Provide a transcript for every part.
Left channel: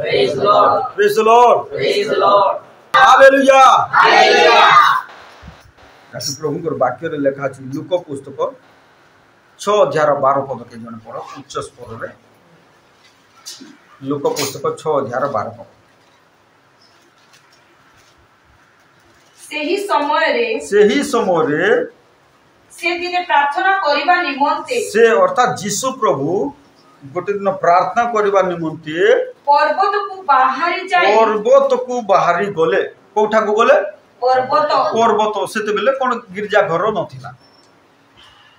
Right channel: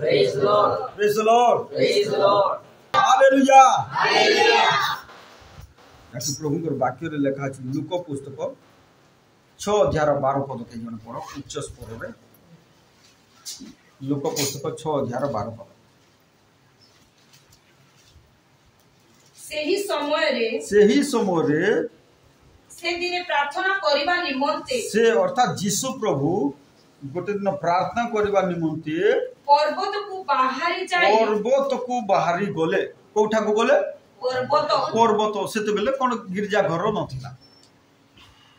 Praise the Lord. Praise the Lord. Praise the Lord. Hallelujah. Hallelujah. Kashi प्रभु वाक्य लेखा अछि look पुस्तक 6:12 के जन पढ़ उच्च स्वर रे लुक पुस्तक 6:12 सेही समय रे से दिने प्रार्थना करिबा निमंते से अर्थात जीशु प्रभु गोटे दिन प्रार्थना करबा निमंते पर्वत को बाहरी गले कोठा को गले पर्वत सेते बेले कोन गिरजा घर नथिला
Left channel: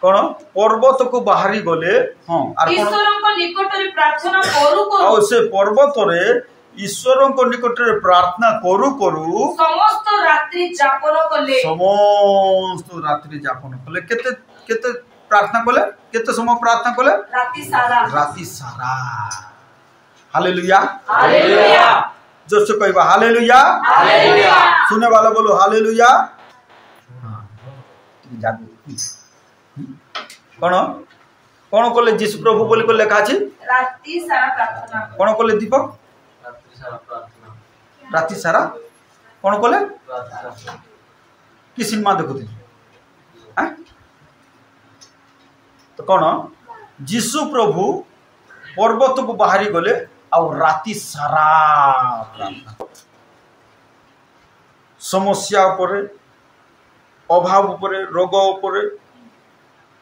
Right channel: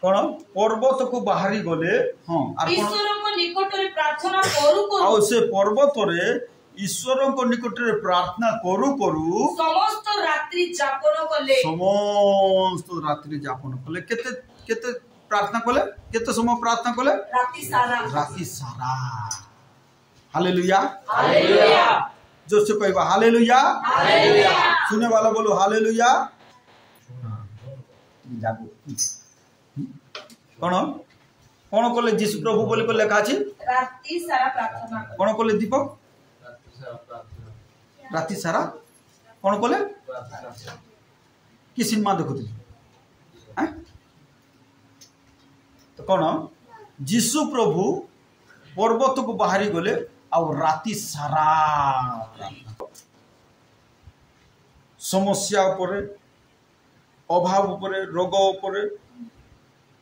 कोन पर्वत को बाहरी गले हां आर कोन ईश्वर को निकट रे प्रार्थना करू आ से पर्वत रे ईश्वर को निकट रे प्रार्थना करू करू समस्त रात्रि जापन कले केते केते प्रार्थना कले केते समय प्रार्थना कले राति सारा हालेलुया हालेलुया जोर से कहबा हालेलुया हालेलुया सुने वाला बोलो हालेलुया हां जागो कोन कोन कले जीशु प्रभु बोली को लेखा अछि राति सारा प्रार्थना कोन कले दीपक राति सारा कोन कले कि सिनेमा देखुते हैं तो कौन जीशु प्रभु पर्वत को बाहरी गले आ राति सारा प्रार्थना समस्या उपरे अभाव उपरे रोग उपरे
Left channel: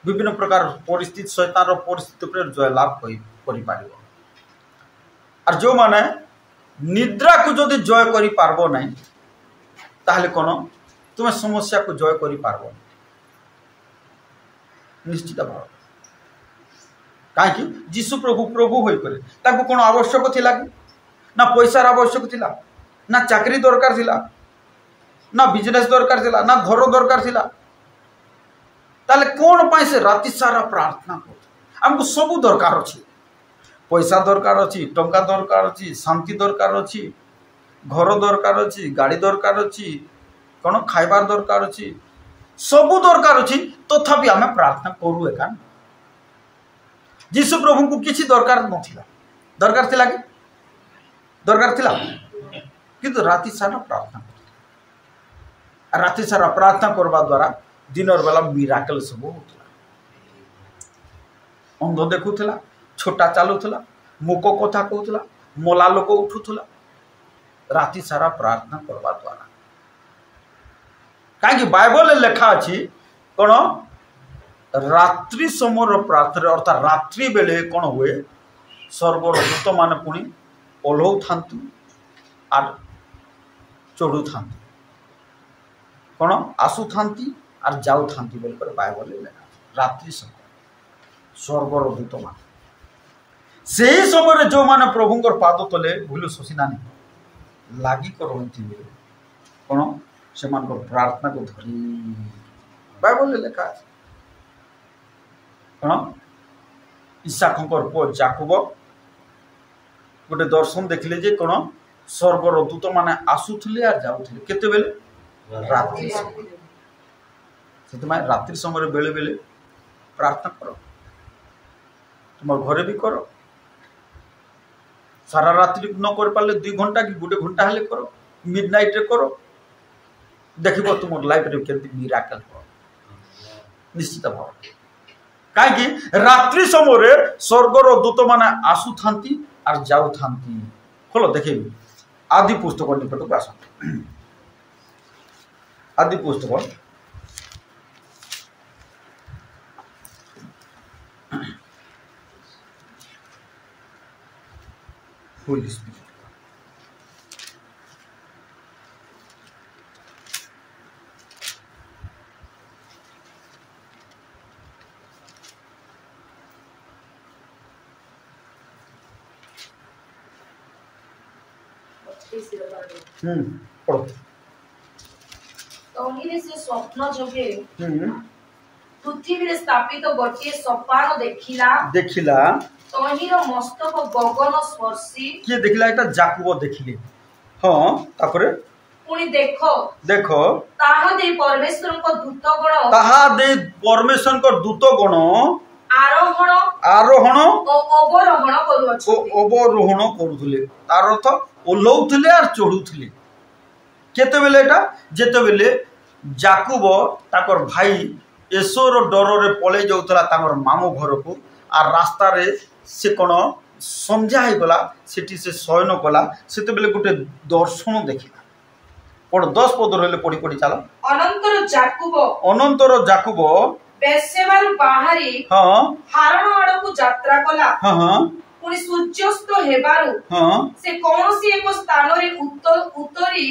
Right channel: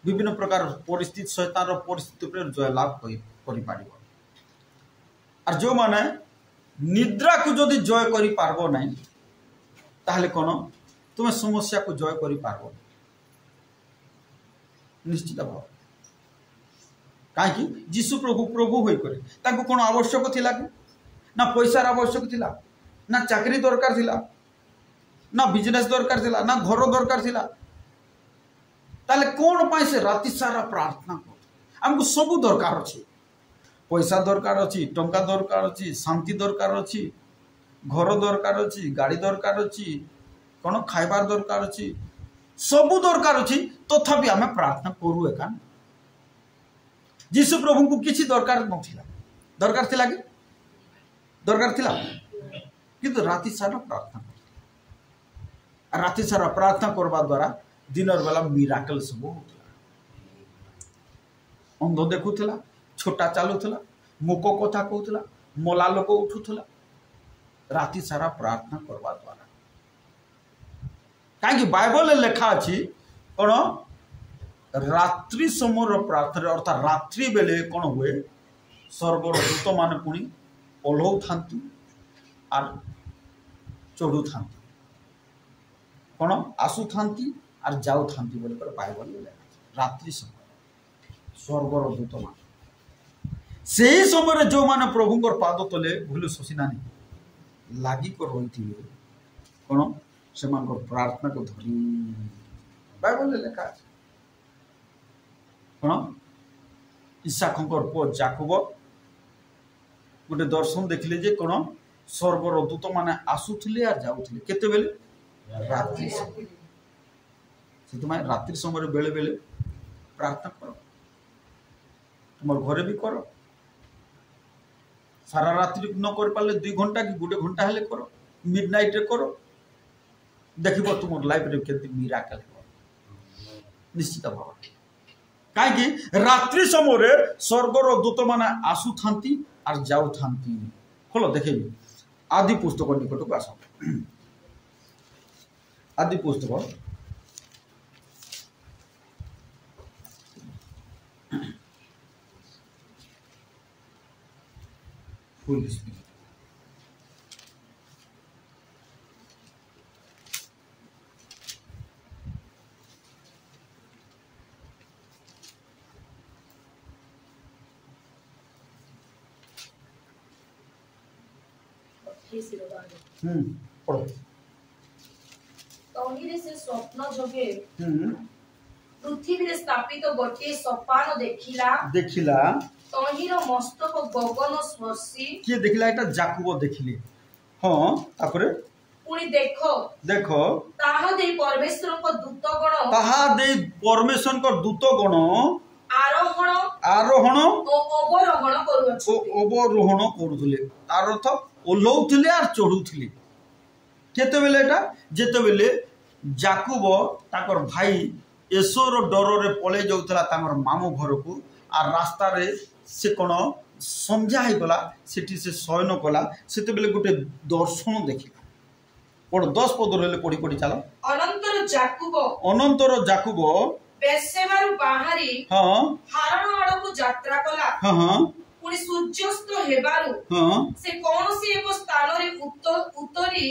विभिन्न प्रकार परिस्थिति शैतान परिस्थिति पर जयलाभ कर जो माने निद्रा को जदि जय करि पारबो नहीं ताहले कोन तुम समस्या को जय करि पारबो निश्चित भाव कहीं जीशु प्रभु प्रभु होई करे ताको कोन आवश्यक थिला कि ना पैसार आवश्यक थिला ना चाकरी दरकार थिला ना बिजनेस दरकार थिला ना घर दरकार थिला ताले कोन पाई से राति सारा प्रार्थना कर हमको सब दरकार अछि पैसा दरकार अच्छी टंका दरकार अच्छी शांति दरकार अच्छी घर दरकार अच्छी गाड़ी दरकार अच्छी कौन खाइबार दरकार अच्छी सब दरकार अच्छी तथापि आम प्रार्थना करू एका जीशु प्रभु को किसी दरकार नथिला दरकार थिला कि दरकार थिला किंतु राति सारा प्रार्थना कर राति सारा प्रार्थना करबा द्वारा दिनर बेला मिराकल सब होतला अंध देखुला छोटा चलुला मुक कथा कहूला मला लोक उठुला राति सारा प्रार्थना करवा द्वारा कहीं बाइबल लेखा अच्छी कौन रात्रि समय प्रार्थना अर्थात रात्रि बेले कौन हुए स्वर्गर दूत मान पुणी ओह्लौ था आर चढ़ू था कौन आसु था आर जाऊ था बोलकर बाइबल लेखा रात्रि समय स्वर्गर दूत मान से समय जो माने प्रभुंकर पाद तले भूल शोषिनानी लागी कर रही कौन से प्रार्थना को धरी बाइबल लेखा कौन इसाखर पुओ जाकुब गोटे दर्शन देखिले जे कौन स्वर्गर दूत माने आसुले आ जाऊले केते बेले रात्रि समय रात्रि समय बेले बेले प्रार्थना कर तुम घरे भी कर सारा रात्रि न कर पाले 2 घंटा कि 1 घंटा हेले करो मिडनाइट रे करो देखिबो तुम लाइफ रे केते मिराकल हो निश्चित भाव काहे रात्रि समय रे स्वर्गर दूत माने आसु थांती और जाऊ थांती खोलो देखिबी आदि पुस्तक निकट को आस आदि पुस्तक Holy Spirit. पढ़ो तहिरे से स्वप्न जोगे पृथ्वी स्थापित गोटे सोपान देखिला तहिर मस्तक गगन स्पर्शी किए देखिला एटा जाकुब देखिले हां तापरे पुनी देखो ताहा दे परमेश्वर को दूत गण आरोहण और अवरोहण करुले तार अर्थ ओल्लौले और चढ़ुले केते बेले एटा जेते बेले जाकुब ताकर भाई एसोर डर रे पले जाउतला ताकर मामू घर को आ रास्ता रे से कौन संध्या हो गला सेठी से शयन कला सेते बेले गोटे दर्शन देखिला पढ़ 10 पद रे पढ़ी पढ़ी चला अनंतर जाकुब बेर्शेबारु बाहरी हां हारण आड़कू यात्रा कला हां पुनी सूर्यास्त हेबारु से कोनोसी एको स्थान रे उत्तरी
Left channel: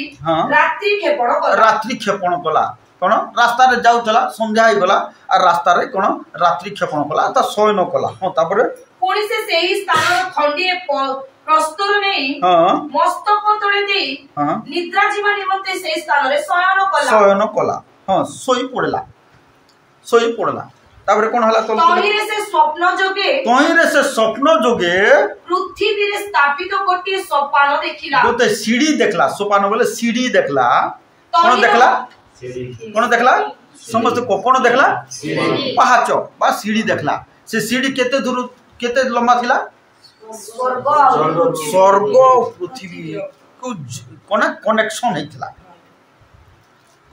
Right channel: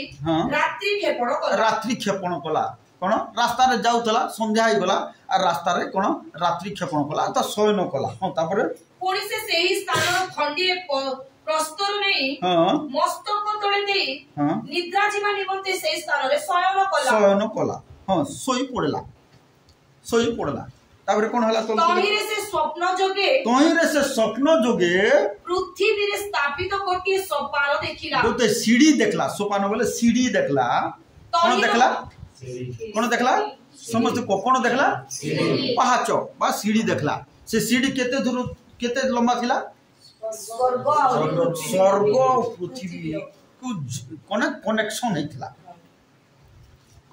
रात्रि क्षेपण कला कौन रास्ता रे जाउतला संध्या हो गला आ रास्ता रे कौन रात्रि क्षेपण कला ता शयन कला हां तापर पुनी से सेही स्थान खंडिए प्रस्तुर नहीं मस्तक तळे देई निद्रा जीवा निमंते से स्थान रे शयन कला हां सोई पड़ला तापर कोन हला तहिरे से स्वप्न जोगे पृथ्वी रे स्थापित गोटे सोपान देखिला गोटे सीढ़ी देखला सोपान बोले सीढ़ी देखला कोन देखला समस्त को कोन देखला पहाच बा सीढ़ी देखला से सीढ़ी केते लंबा थिला स्वर्ग पृथ्वी को कोन कनेक्शन हेतला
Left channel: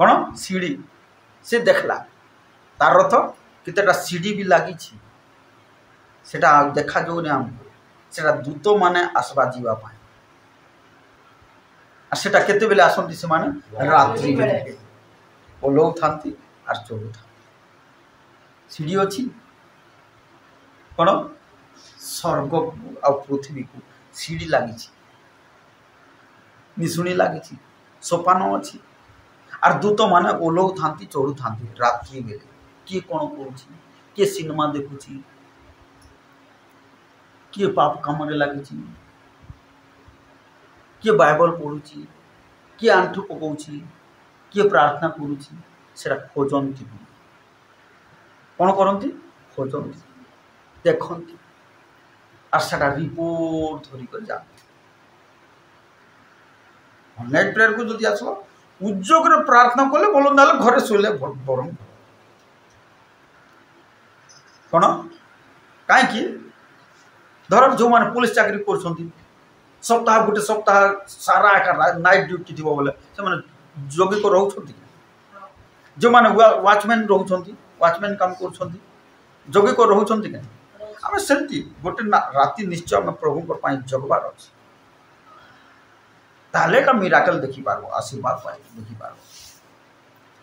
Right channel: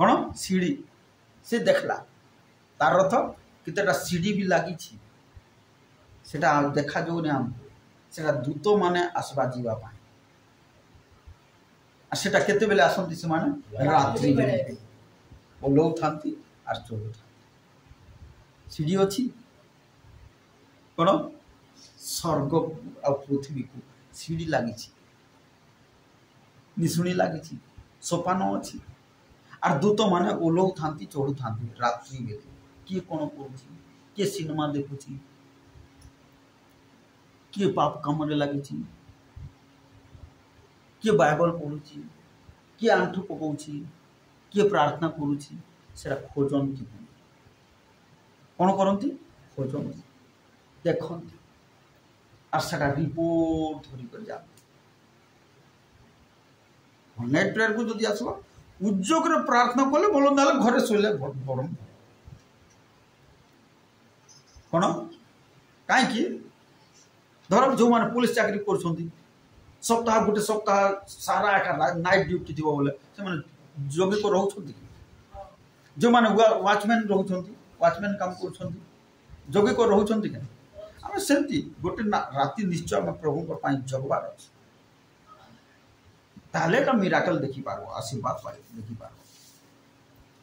कोन सीढ़ी से देखला तार अर्थ केतेटा सीढ़ी भी लगी सेटा देखा जो ने हम सेटा दूत माने आसबा जीवा पाए আর সেটা কেতেবেলে আসନ୍ତି ସେମାନେ রাত্রি বেলে ওলৌ থাନ୍ତି আর চড়ু থাନ୍ତି। সিঁড়ি ଅଛି କ'ଣ ସ୍ୱର୍ଗକୁ ଆଉ ପୃଥିବୀକୁ ସିଡ଼ି ଲାଗିଛି, ନିଶୁଣି ଲାଗିଛି, ସୋପାନ ଅଛି আর ଦୂତମାନେ ଓହ୍ଲଉଥାନ୍ତି ଚଢ଼ୁଥାନ୍ତି ରାତ୍ରି ବେଲେ। କିଏ କ'ଣ କରୁଛି, କିଏ ସିନେମା ଦେଖୁଛି, କିଏ ପାପ କାମରେ ଲାଗିଛି, କିଏ ବାଇବଲ ପଢ଼ୁଛି, କିଏ ଆଣ୍ଠୁ ପକାଉଛି, କିଏ ପ୍ରାର୍ଥନା କରୁଛି। ସେଟା ଖୋଜନ୍ତି, କ'ଣ କରନ୍ତି? ଖୋଜନ୍ତି, ଦେଖନ୍ତି আর সেটা রিপোর্ট ধরিকি যাবে। অনলাইন প্রেয়ারକୁ যদি আসল উদ্যোগরে প্রার্থনা কলে বল, না ঘরে শোলে বরং কোণ কাইকি ধর যে পুলিশ চাকরি করছেন সপ্তাহ গোটে সপ্তাহ সারা একা নাইট ডিউটি থিব বলে সে যোগিক রহুছেন কি? যে ওয়াচম্যান রহুছেন, ওয়াচম্যান কাম করছেন, যোগিক রহুছেন কেন? ଆମେ ସେମିତି ଗୋଟେ ରାତି ନିଶ୍ଚୟ ଆମେ ପ୍ରଭୁଙ୍କ ପାଇଁ ଜଗବାର ଅଛି, ତାହେଲେ ଏକା ମିରାକଲ ଦେଖିପାରିବ, ଆଶୀର୍ବାଦ ପାଇ ଦେଖିପାରିବ।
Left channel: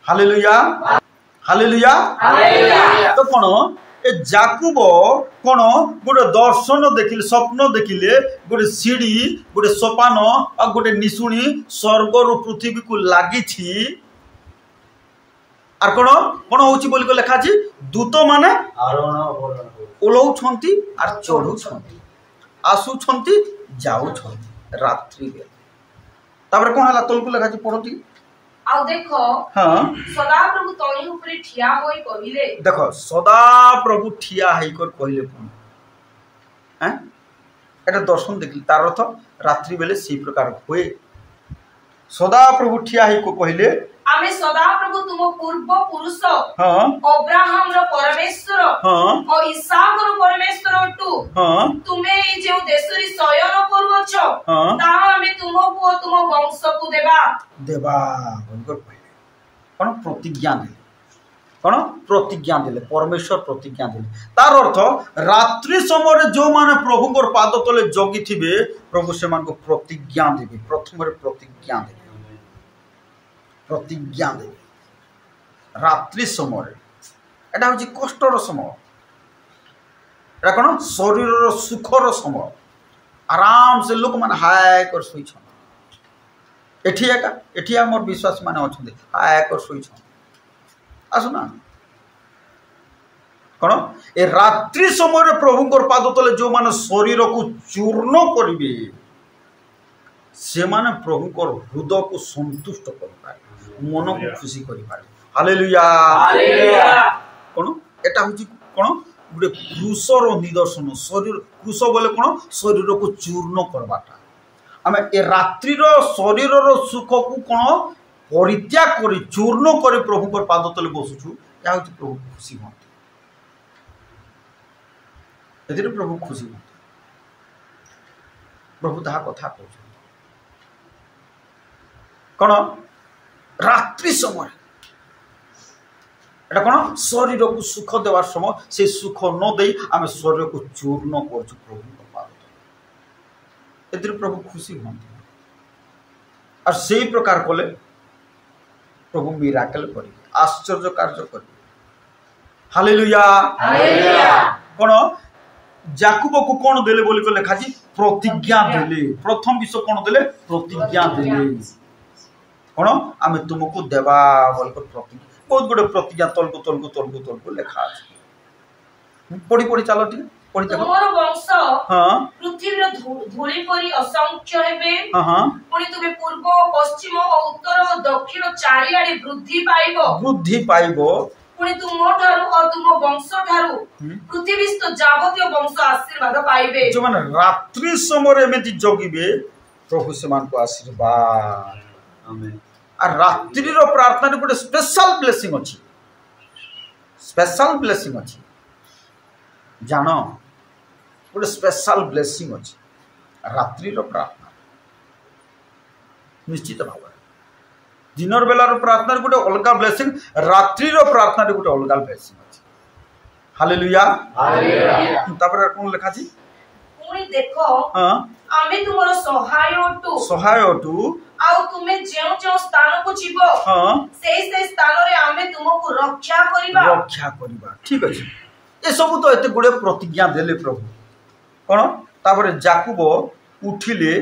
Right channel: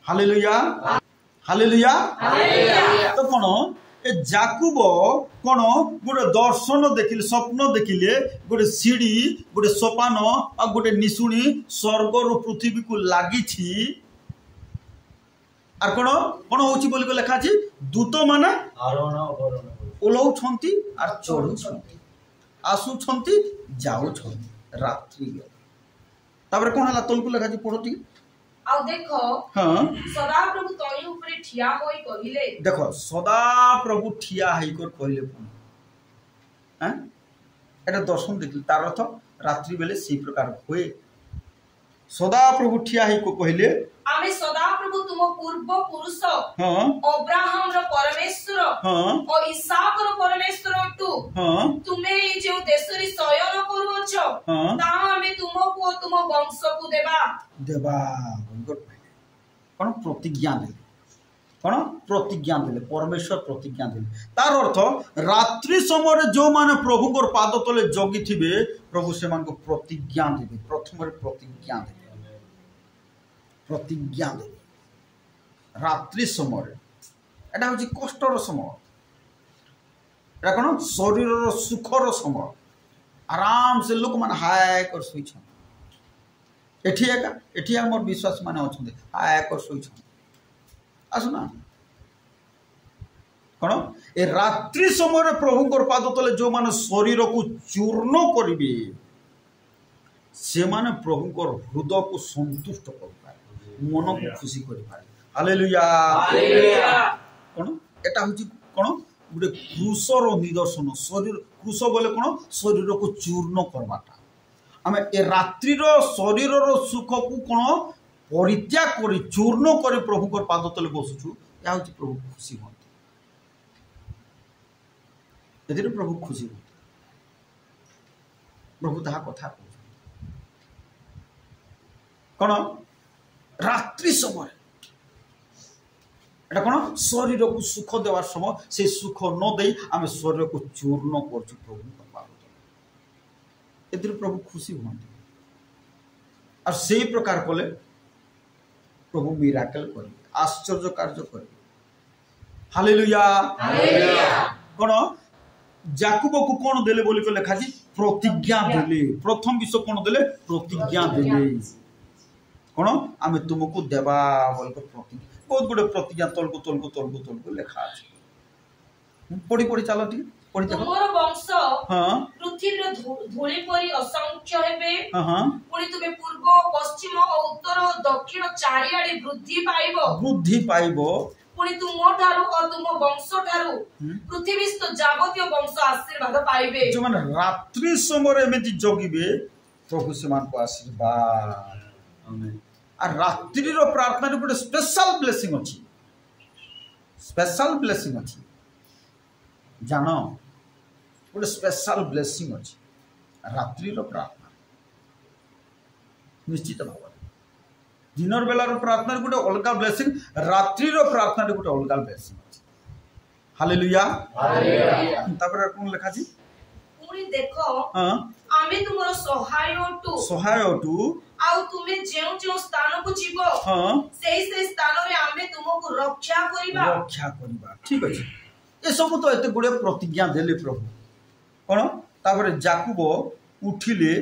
Hallelujah, hallelujah. ତ କ'ଣ ଏ ଯାକୁବ କ'ଣ ଗୋଟେ ଦର୍ଶନ ଦେଖିଲେ, ସ୍ୱପ୍ନ ଦେଖିଲେ, ଗୋଟେ ସିଡ଼ି, ଗୋଟେ ସୋପାନ ଆଉ ଗୋଟେ ନିଶୁଣି ସ୍ୱର୍ଗରୁ ପୃଥିବୀକୁ ଲାଗିଛି। আর কোণ কোণ হচ্ছে বলি লেখা আছে দূতମାନେ ওলৌଛନ୍ତି আর চড়ুଛନ୍ତି, আসুଛନ୍ତି যাଉଛନ୍ତି রাত্রি বেলে। তারপরে কোণ হলা তলকু লেখা আছে পড়ো ঠিক। ଆଉ ଦେଖ ସଦାପ୍ରଭୁ ତଳି ଉପରେ ଠିଆ ହୋଇ କହିଲେ। ଦେଖ ସଦା ପ୍ରଭୁ ଠିଆ ହେଇକରି କହିଲେ ପୁଣି এটা দর্শন ଦେଖିଲି, তার অর্থ রাত্রি বেলে সেই প্রকার ହୁଏ। সদা প্রভু ঠিয়া ହେଇକো କହିଲେ ଆମେ ସଦାପ୍ରଭୁ ତୁମ ପୂର୍ବ ପୁରୁଷ ଅବ୍ରାହମର ପରମେଶ୍ୱର ଓ ଇସାକର ପରମେଶ୍ୱର ଅଟୁ। ତୁମେ ଏଇ ଯେଉଁ ଦେଶରେ ଶୟନ କରୁଅଛ ତାହା ଆମେ ତୁମକୁ ଓ ତୁମ ବଂଶକୁ ଦେବା ଦେବା ବୋଲିକରି କହିଲେ। କ'ଣ ପ୍ରତିଜ୍ଞା ଦେଲେ, କ'ଣ ପ୍ରତିଜ୍ଞା ଦେଲେ, ପରମେଶ୍ୱର ପ୍ରତିଜ୍ଞା ଦେଲେ। ତାର ଅର୍ଥ ରାତ୍ରି ସମୟରେ ଯେଉଁମାନେ ପ୍ରଭୁଙ୍କର ପାଦ ତଳେ ଜଗିଥିବେ ପ୍ରଭୁ ସେମାନଙ୍କୁ ପ୍ରତିଜ୍ଞା ଦେବେ। ପ୍ରଥମରେ ପ୍ରତିଜ୍ଞା ଦେବେ, ପ୍ରତିଜ୍ଞା ଦେବେ ରାତ୍ରି ସମୟରେ। এটা হচ্ছে কষ্টর সময়, এটা কোন শরীরের সুখর সময়। আরামসে লোক মানে হায় করে শুইছন, এটি একা এটি আমার বিশ্বাস মানে অনেক হায় করে শুইছন। আসো না কোন এ রাত্রি সময় প্রভুঙ্কর পাদ তলে যে শরীরকু চূর্ণ করিবে সেমানে প্রভুঙ্কর হৃদয়কু সন্তুষ্ট করিপারে, মনকু খুশি করিপারে। হালেলুয়া, কোন এটা হচ্ছে কোন গোটে ক্রুশর নিদর্শন। শরীর ক্রুশ বলে কোন শরীরকু চূর্ণ করবাটা। আমি এ রাত্রির শরীরর সুখকু কোন পরিত্যাগ করে চূর্ণ করে প্রভুঙ্কর পাদ তলে বসুছু, যা হচ্ছে প্রভু খুশি হতে। এতে প্রভু খুশি হতে, প্রভু তাহা কথা কହୁଛନ୍ତି। কোন রাত্রি সময় এটা কোন শরীরকু সুখ দেওয়ার সময়, সেই সুখ ন দেই আমি শরীরকু চূর্ণ করছি প্রভুঙ্ক পাদ। এতে প্রভু খুশি হুঁতে আর সেই প্রকার কলে প্রভু মিরাকেল করিবে, আশ্চর্য কার্য করিবে। হালেলুয়া। কোন যাকুবকু কোন দেলে বলি লেখা আছে প্রতিজ্ঞা দেলে। প্রথম বিষয় কোন দেলে? প্রতিজ্ঞা দেলে। কোন আমি তুমকু দেবা বলি প্রতিজ্ঞা, বহুত গুড়ে প্রতিজ্ঞা তলকু তলকু তলকু তলকু লেখা আছে। পড়ি পড়ি চালো ঠিক পড়ি দেখো। তোমার বংশ পৃথিবীর ধূলি পরি অসংখ্য হেবে, পুনি তুমি পূর্ব পশ্চিম ও উত্তর ও দক্ষিণ চারিআড়ে বৃদ্ধি পাইব, বৃদ্ধি পাইব। পুনি তুম ঠারু ও তুম বংশ ঠারু পৃথিবীস্থ যাবতীয় বংশ আশীর্বাদ পাইবে। যে মানে রাত্রি সময় এমনি জগিবে প্রভু সেমানকু আশীর্বাদ। আমেন। আর রাত্রির প্রার্থনার গোটে স্পেশাল ব্লেসিং ଅଛି, স্পেশাল ব্লেসিং ଅଛି। জান গোটে স্পেশাল ব্লেসিং ଅଛି রাত্রির প্রার্থনা। নিশ্চিত ভাবে দিনর বেলার প্রার্থনার গোটে অলগা ব্লেসিং, রাত্রির প্রার্থনার গোটে অলগা ব্লেসিং ଅଛି। হালেলুয়া। তারপরে কোন লেখা আছে? পুনি देखो आमे तुमरो सहाय अटु आउ तुमे जेउ स्थान को जीवो से स्थान रे आमे तुमको रक्षा करिबा। ठीक अछि ए सब तो एते गुडे प्रतिज्ञा देले प्रभु कोन तापर जाकुब उठिले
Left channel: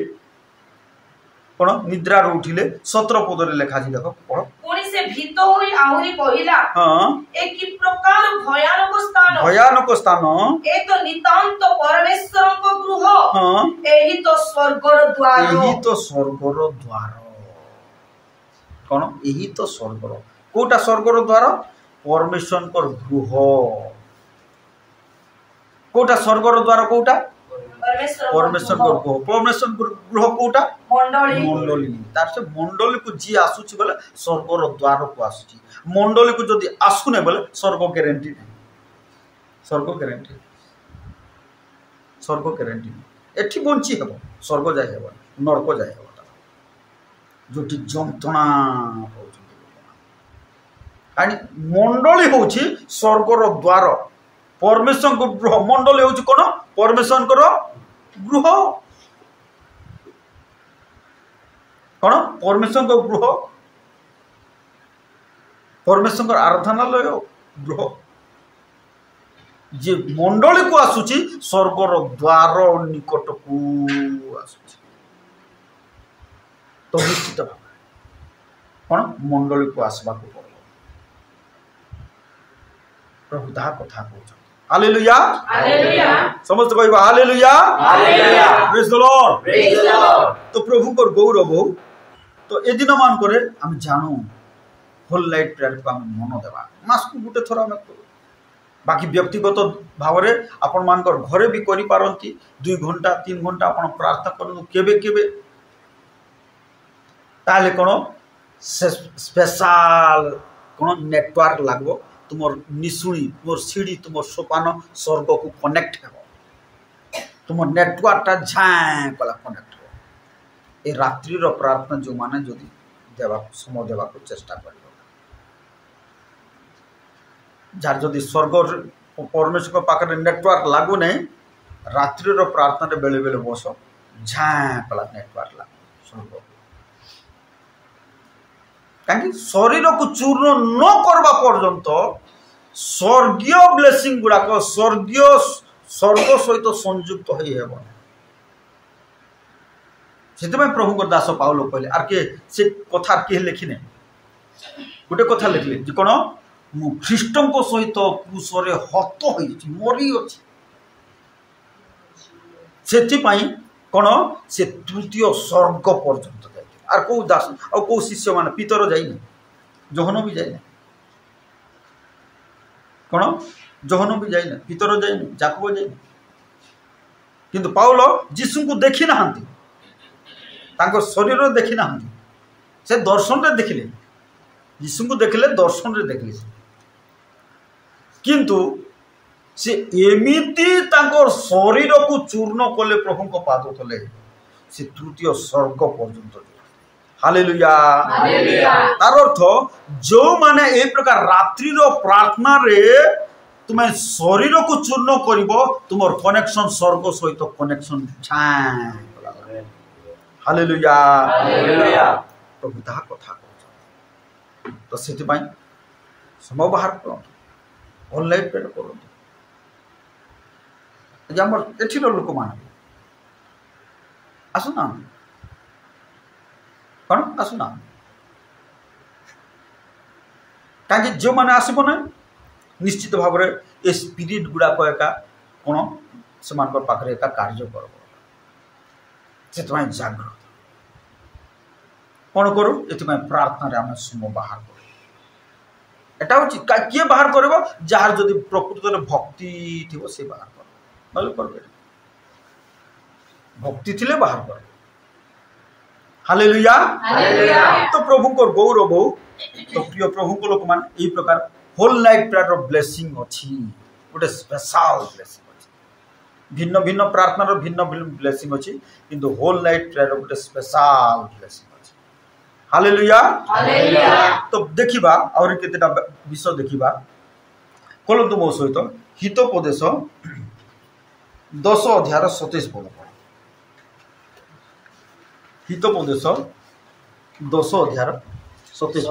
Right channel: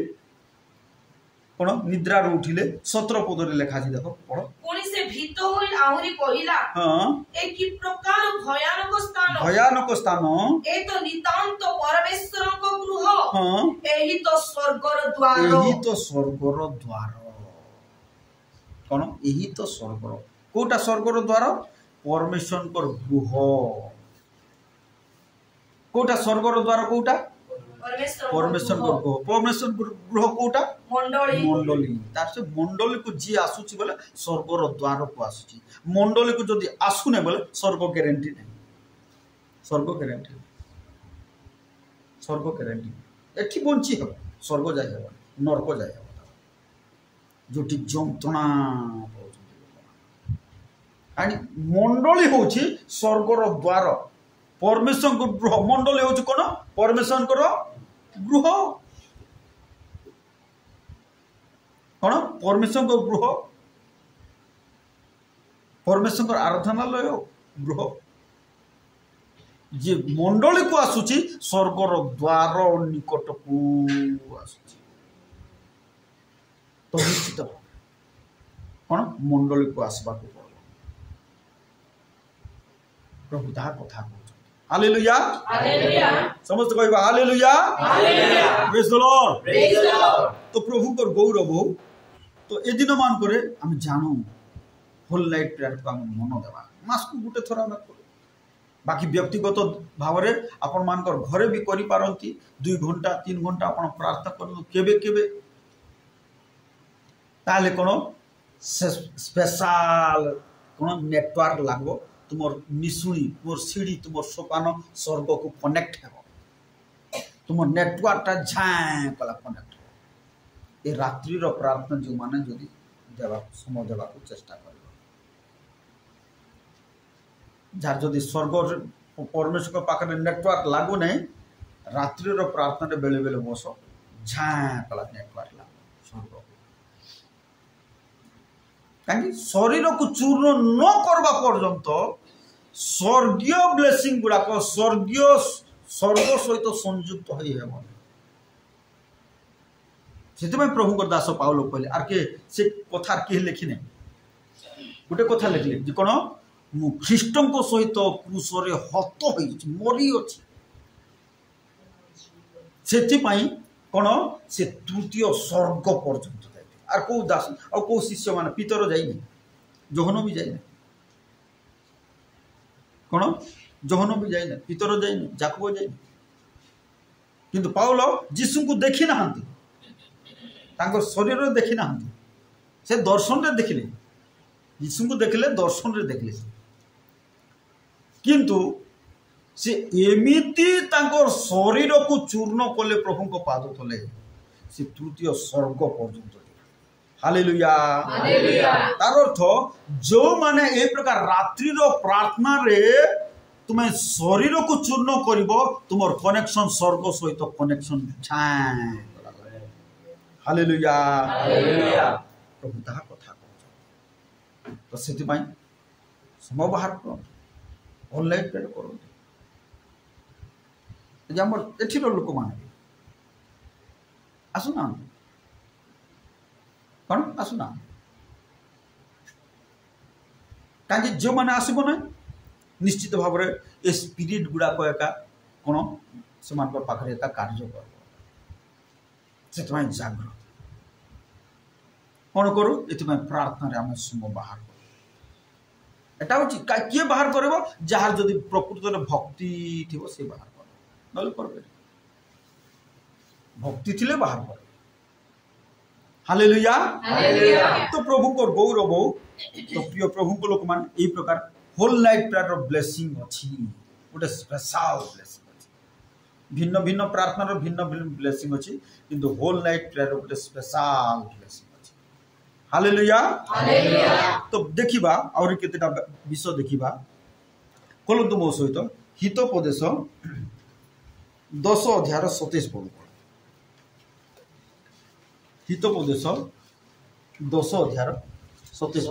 कोन निद्रा रो उठिले 17 पद रे लेखा छी देखो पढ कोनी से भीतो होई आहुरी कहिला ए की प्रकार भयानक स्थान ए तो नितांत परमेश्वर को गृह एही तो स्वर्गर द्वार कोन एही तो स्वर्गर कोटा स्वर्गर द्वार परमेश्वर को गृह कोटा स्वर्गर द्वार कोटा परमेश्वर गृह कोटा मंडली तार से मंडली को जी आसुची बोले स्वर्गर द्वार को आसुची मंडली को जदी आसुने बोले स्वर्ग गारंटी नहीं स्वर्ग गारंटी एठी बंची हेबो स्वर्ग जाय हेबो नरक जाय हेबो जोटी जंतणा आनी मंडली होची स्वर्गर द्वार परमेश्वर को गृह मंडली होची कोन परमेश्वर को गृह कोन परमेश्वर को गृह परमेश्वर को आराधनालय गृह जे मंडली को आसुची स्वर्गर द्वार निकट को आसुची तो निश्चित भाव कोन मंडली को आसबा को पड़ो प्रभु ता कथा कहउछ हालेलुया समस्त कहबा हालेलुया प्रेज द लॉर्ड तो प्रभु को गौरव तो ए दिन मान करे हम जानू होल नाइट प्रेयर को हम मन देबा मास को गुटे थोरा हम बाकी व्यक्तिगत भाव रे आपण मान कर घरे भी करि पारंती 2 घंटा 3 घंटा आपण प्रार्थना करनु केबे केबे ताले कोन स्पेशल कोन नेटवर्क लागबो तुमर निसुणी तुमर सीढ़ी तुमर सोपान स्वर्ग को कनेक्ट हेबो तुमर नेटवर्क ता झाय कला कनेक्ट हो ए रात्रि रो प्रार्थना जो माने जदी देवा समय देवा को चेष्टा करियो जार जदी स्वर्ग परमेश्वर को पाखरे नेटवर्क लागो नै रात्रि रो प्रार्थना रे बेले बेले बसो झाय कला नेटवर्क लागो स्वर्ग काहे शरीर को चूर्ण न करबा पर्यंत स्वर्गीय ब्लेसिंग गुडा को स्वर्गीय स्वर्ग सहित संयुक्त होई हेबो सेते में प्रभु को दास पाउलो कहले आर के से कथा के लिखिने गुटे कथा लिखले जे कोन मु ख्रीष्टन को सहित क्रूसरे हत होई मरी अछि सेति पई कोन से तृतीय स्वर्ग पर्यंत आर को दास और को शिष्य माने पितर जाइने जोहनो भी जाइने कोन जोहनो भी जाइने पितर जाइने जाकब जाइने किंतु पाउलो यीशु को देखि नाहंती तांको शरीर देखि नाहंती से दर्शन रे देखिले यीशु को देखिले दर्शन रे देखिले किंतु से एमिति तांको शरीर को चूर्ण कले प्रभु को पाद तले से तृतीय स्वर्ग पर्यंत हालेलुया तार अर्थ जो माने ए प्रकार रात्रि रो प्रार्थना रे तुम्हें शरीर को चूर्ण करिवो तुमर कनेक्शन स्वर्ग सहित कनेक्शन हालेलुया प्रभु ता कथा तो सेति पई समय बाहर करो ऑनलाइन पेड करो जे हमर एठी लोक मान आसु ना कौन आसुना ताकि जो माने आसबो ना निश्चित भाव रे ए स्पिरिट गुडा को एका कोन समान पर पाखरे एका कार्य करबो सेतमै जागृत कोन करू एतमै प्रार्थना रे हम सुम बाहर करू एटा होची के बाहर करबो जार जदी प्रकृत रे भक्ति थिबो से बाहर करबो नले करबे भक्ति थिले बाहर करबो हालेलुया तो प्रभु को गौरव तो प्रिय प्रभु को लोक मान ए प्रकार होल नाइट प्रेयर ब्लेसिंग अछि गोटे स्पेशल ब्लेसिंग अछि भिन्न भिन्न प्रार्थना रो भिन्न भिन्न ब्लेसिंग अछि किंतु होल नाइट प्रेयर गोटे स्पेशल ब्लेसिंग अछि हालेलुया तो देखिबा और केतेटा विषय देखिबा कोलंतु मो सहित हितोपदेश 10 अध्याय 27 पद हितोपदेश 10 अध्याय 27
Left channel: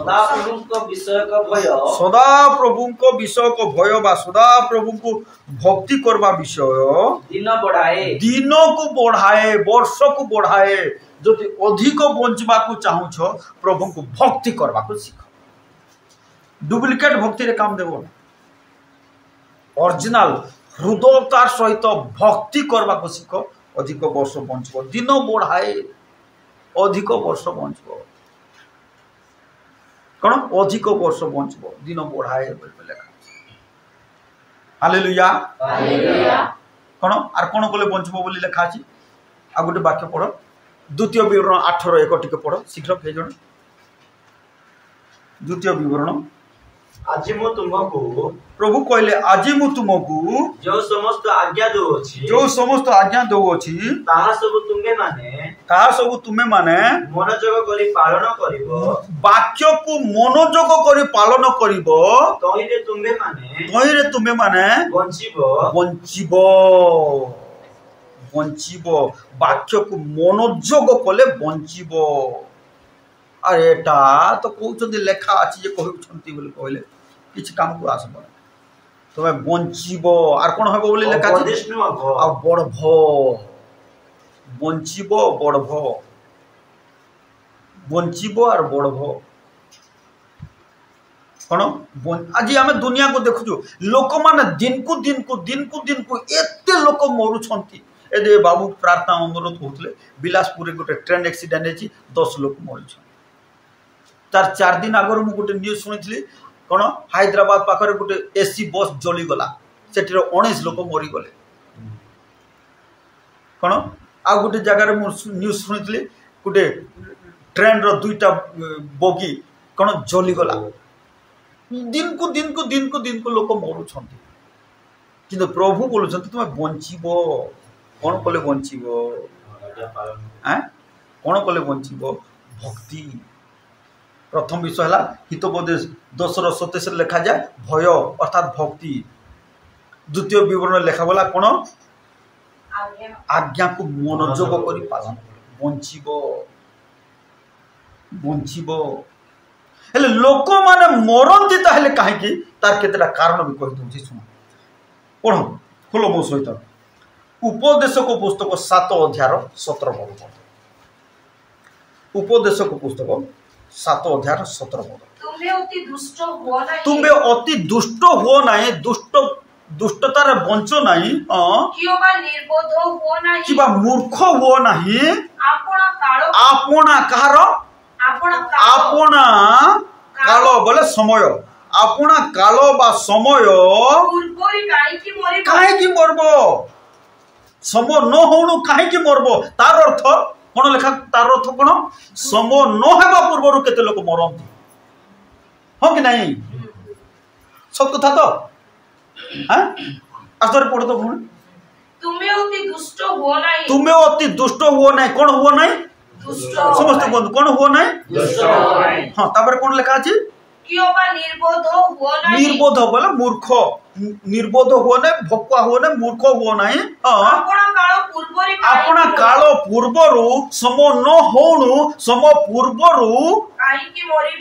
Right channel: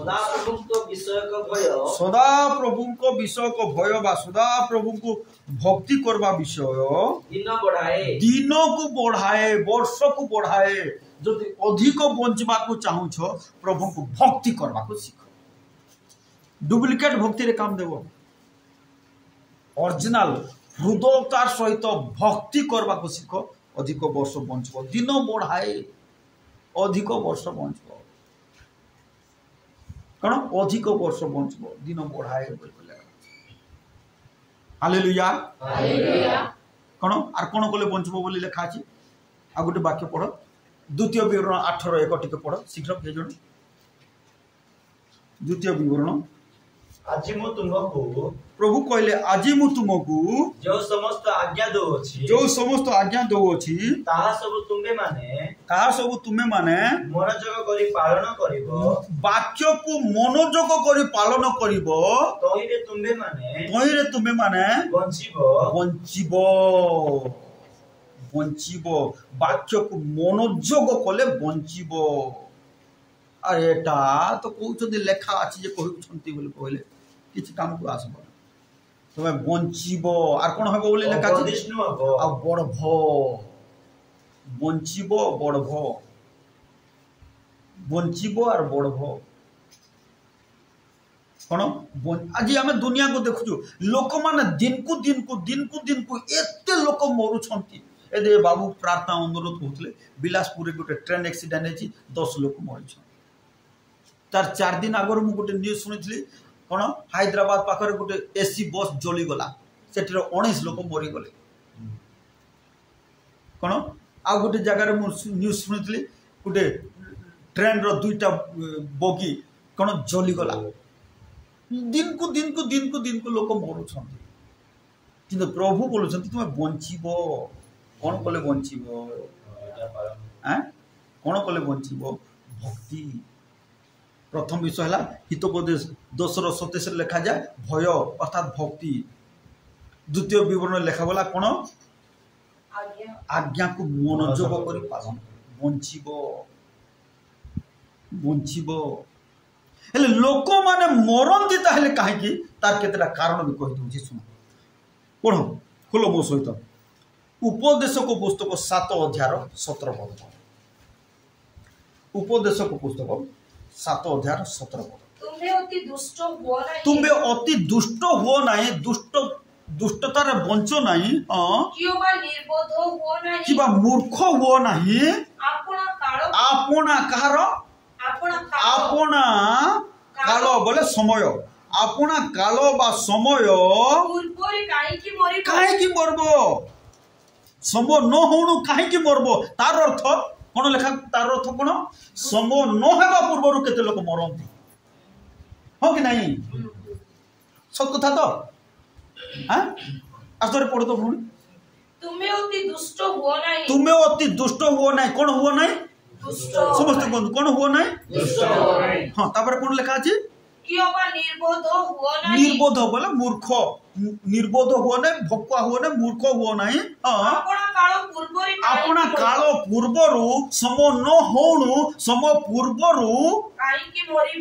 सदा प्रभु को विषय को भय बा सदा प्रभु को भक्ति करवा विषय दिन को बढ़ाए वर्ष को बढ़ाए जदि अधिक बंचवा को चाहू छ प्रभु को भक्ति करवा को सीख डुप्लिकेट भक्ति रे काम देबो ओरिजिनल हृदयतार सहित भक्ति करवा को सीख अधिक वर्ष बंचबो दिन बढ़ाए अधिक वर्ष बंचबो कौन अधिक वर्ष बंचबो दिन बढ़ाए बोले लिखा हालेलुया कौन आर कौन कले बंचबो बोली लिखा अछि आ गोटे वाक्य पढ़ द्वितीय विवरण 8:1 टिके पढ़ शीघ्र के जण द्वितीय विवरण आज मु तुमको प्रभु कहले आज मु तुमको जो समस्त आज्ञा दो अछि ताहा सब तुमे माने मनोजोग करी पालन करिवो वाक्य को मनोजोग करी पालन करिवो तहिरे तुमे माने बंचिबो वाक्य को मनोजोग कले बंचिबो अरे एटा तो कहउछन्ती लेखा अछि जे कहउछन्ती बोली कहले किछ काम को आसबो तमे बंचिबो आर कोन होबो बोली लेखा अछि आ बढभो बंचिबो बढभो बंचिबो आर बढभो कोन आज आमे दुनिया को देखुछु लोक माने दिन को एते लोक मरुछन्ती ए बाबू प्रार्थना अनुरोध होतले बिलासपुर गोटे ट्रेन एक्सीडेंट हेछि 10 लोक मरुछन तार 4 दिन आगर मु गोटे न्यूज सुनिथिली कौन हैदराबाद पाखरे गोटे एसी बस जली गला सेठी 19 लोक मरी गले कौन आ गोटे जगह न्यूज सुनिथिली गोटे ट्रेन रो दुईटा बोगी कौन जली गला दिन को लोक मरुछन्ती किंतु प्रभु बोलुछन्ती तुम बंचिबो कौन कले बंचिबो कौन कले बंचिबो भक्ति प्रथम विषय है हितोपदेश 10:27 लिखा जाए भय अर्थात भक्ति द्वितीय विवरण लिखा गला कौन आज्ञा को मनोजोग करी पालन बंचिबो हेले लोक माने मरंती ताहले काहे कि तार केतेटा कारण भी कहि दउछि सुन पढ़ो खोलो मो सहित उपदेशक पुस्तक 7 अध्याय 17 पद उपदेशक पुस्तक 7 अध्याय 17 पद तुम्हें अति दुष्ट हुओ नहीं दुष्टतार बंचो नहीं किबा मूर्ख हुओ नहीं आपना काल बोले समय आपना काल बा समय काहे मरबो समय न होणु काहे मरबो तार अर्थ कौन लेखा तार अर्थ कौन समय न हेबा पूर्व केते लोक मरंती हाँ कि नहीं सब कथा तो हाँ आस्तर पढ़ तो भूल तुम्हें अति दुष्ट हुओ नहीं कौन हुओ नहीं समस्त बंधु कौन हुओ नहीं हाँ तापर कौन लेखा अछि निर्बोध बोले मूर्ख निर्बोध हुओ नहीं भकुआ हुओ नहीं मूर्ख हुओ नहीं अपना काल पूर्वरु समय न होणु समय पूर्वरु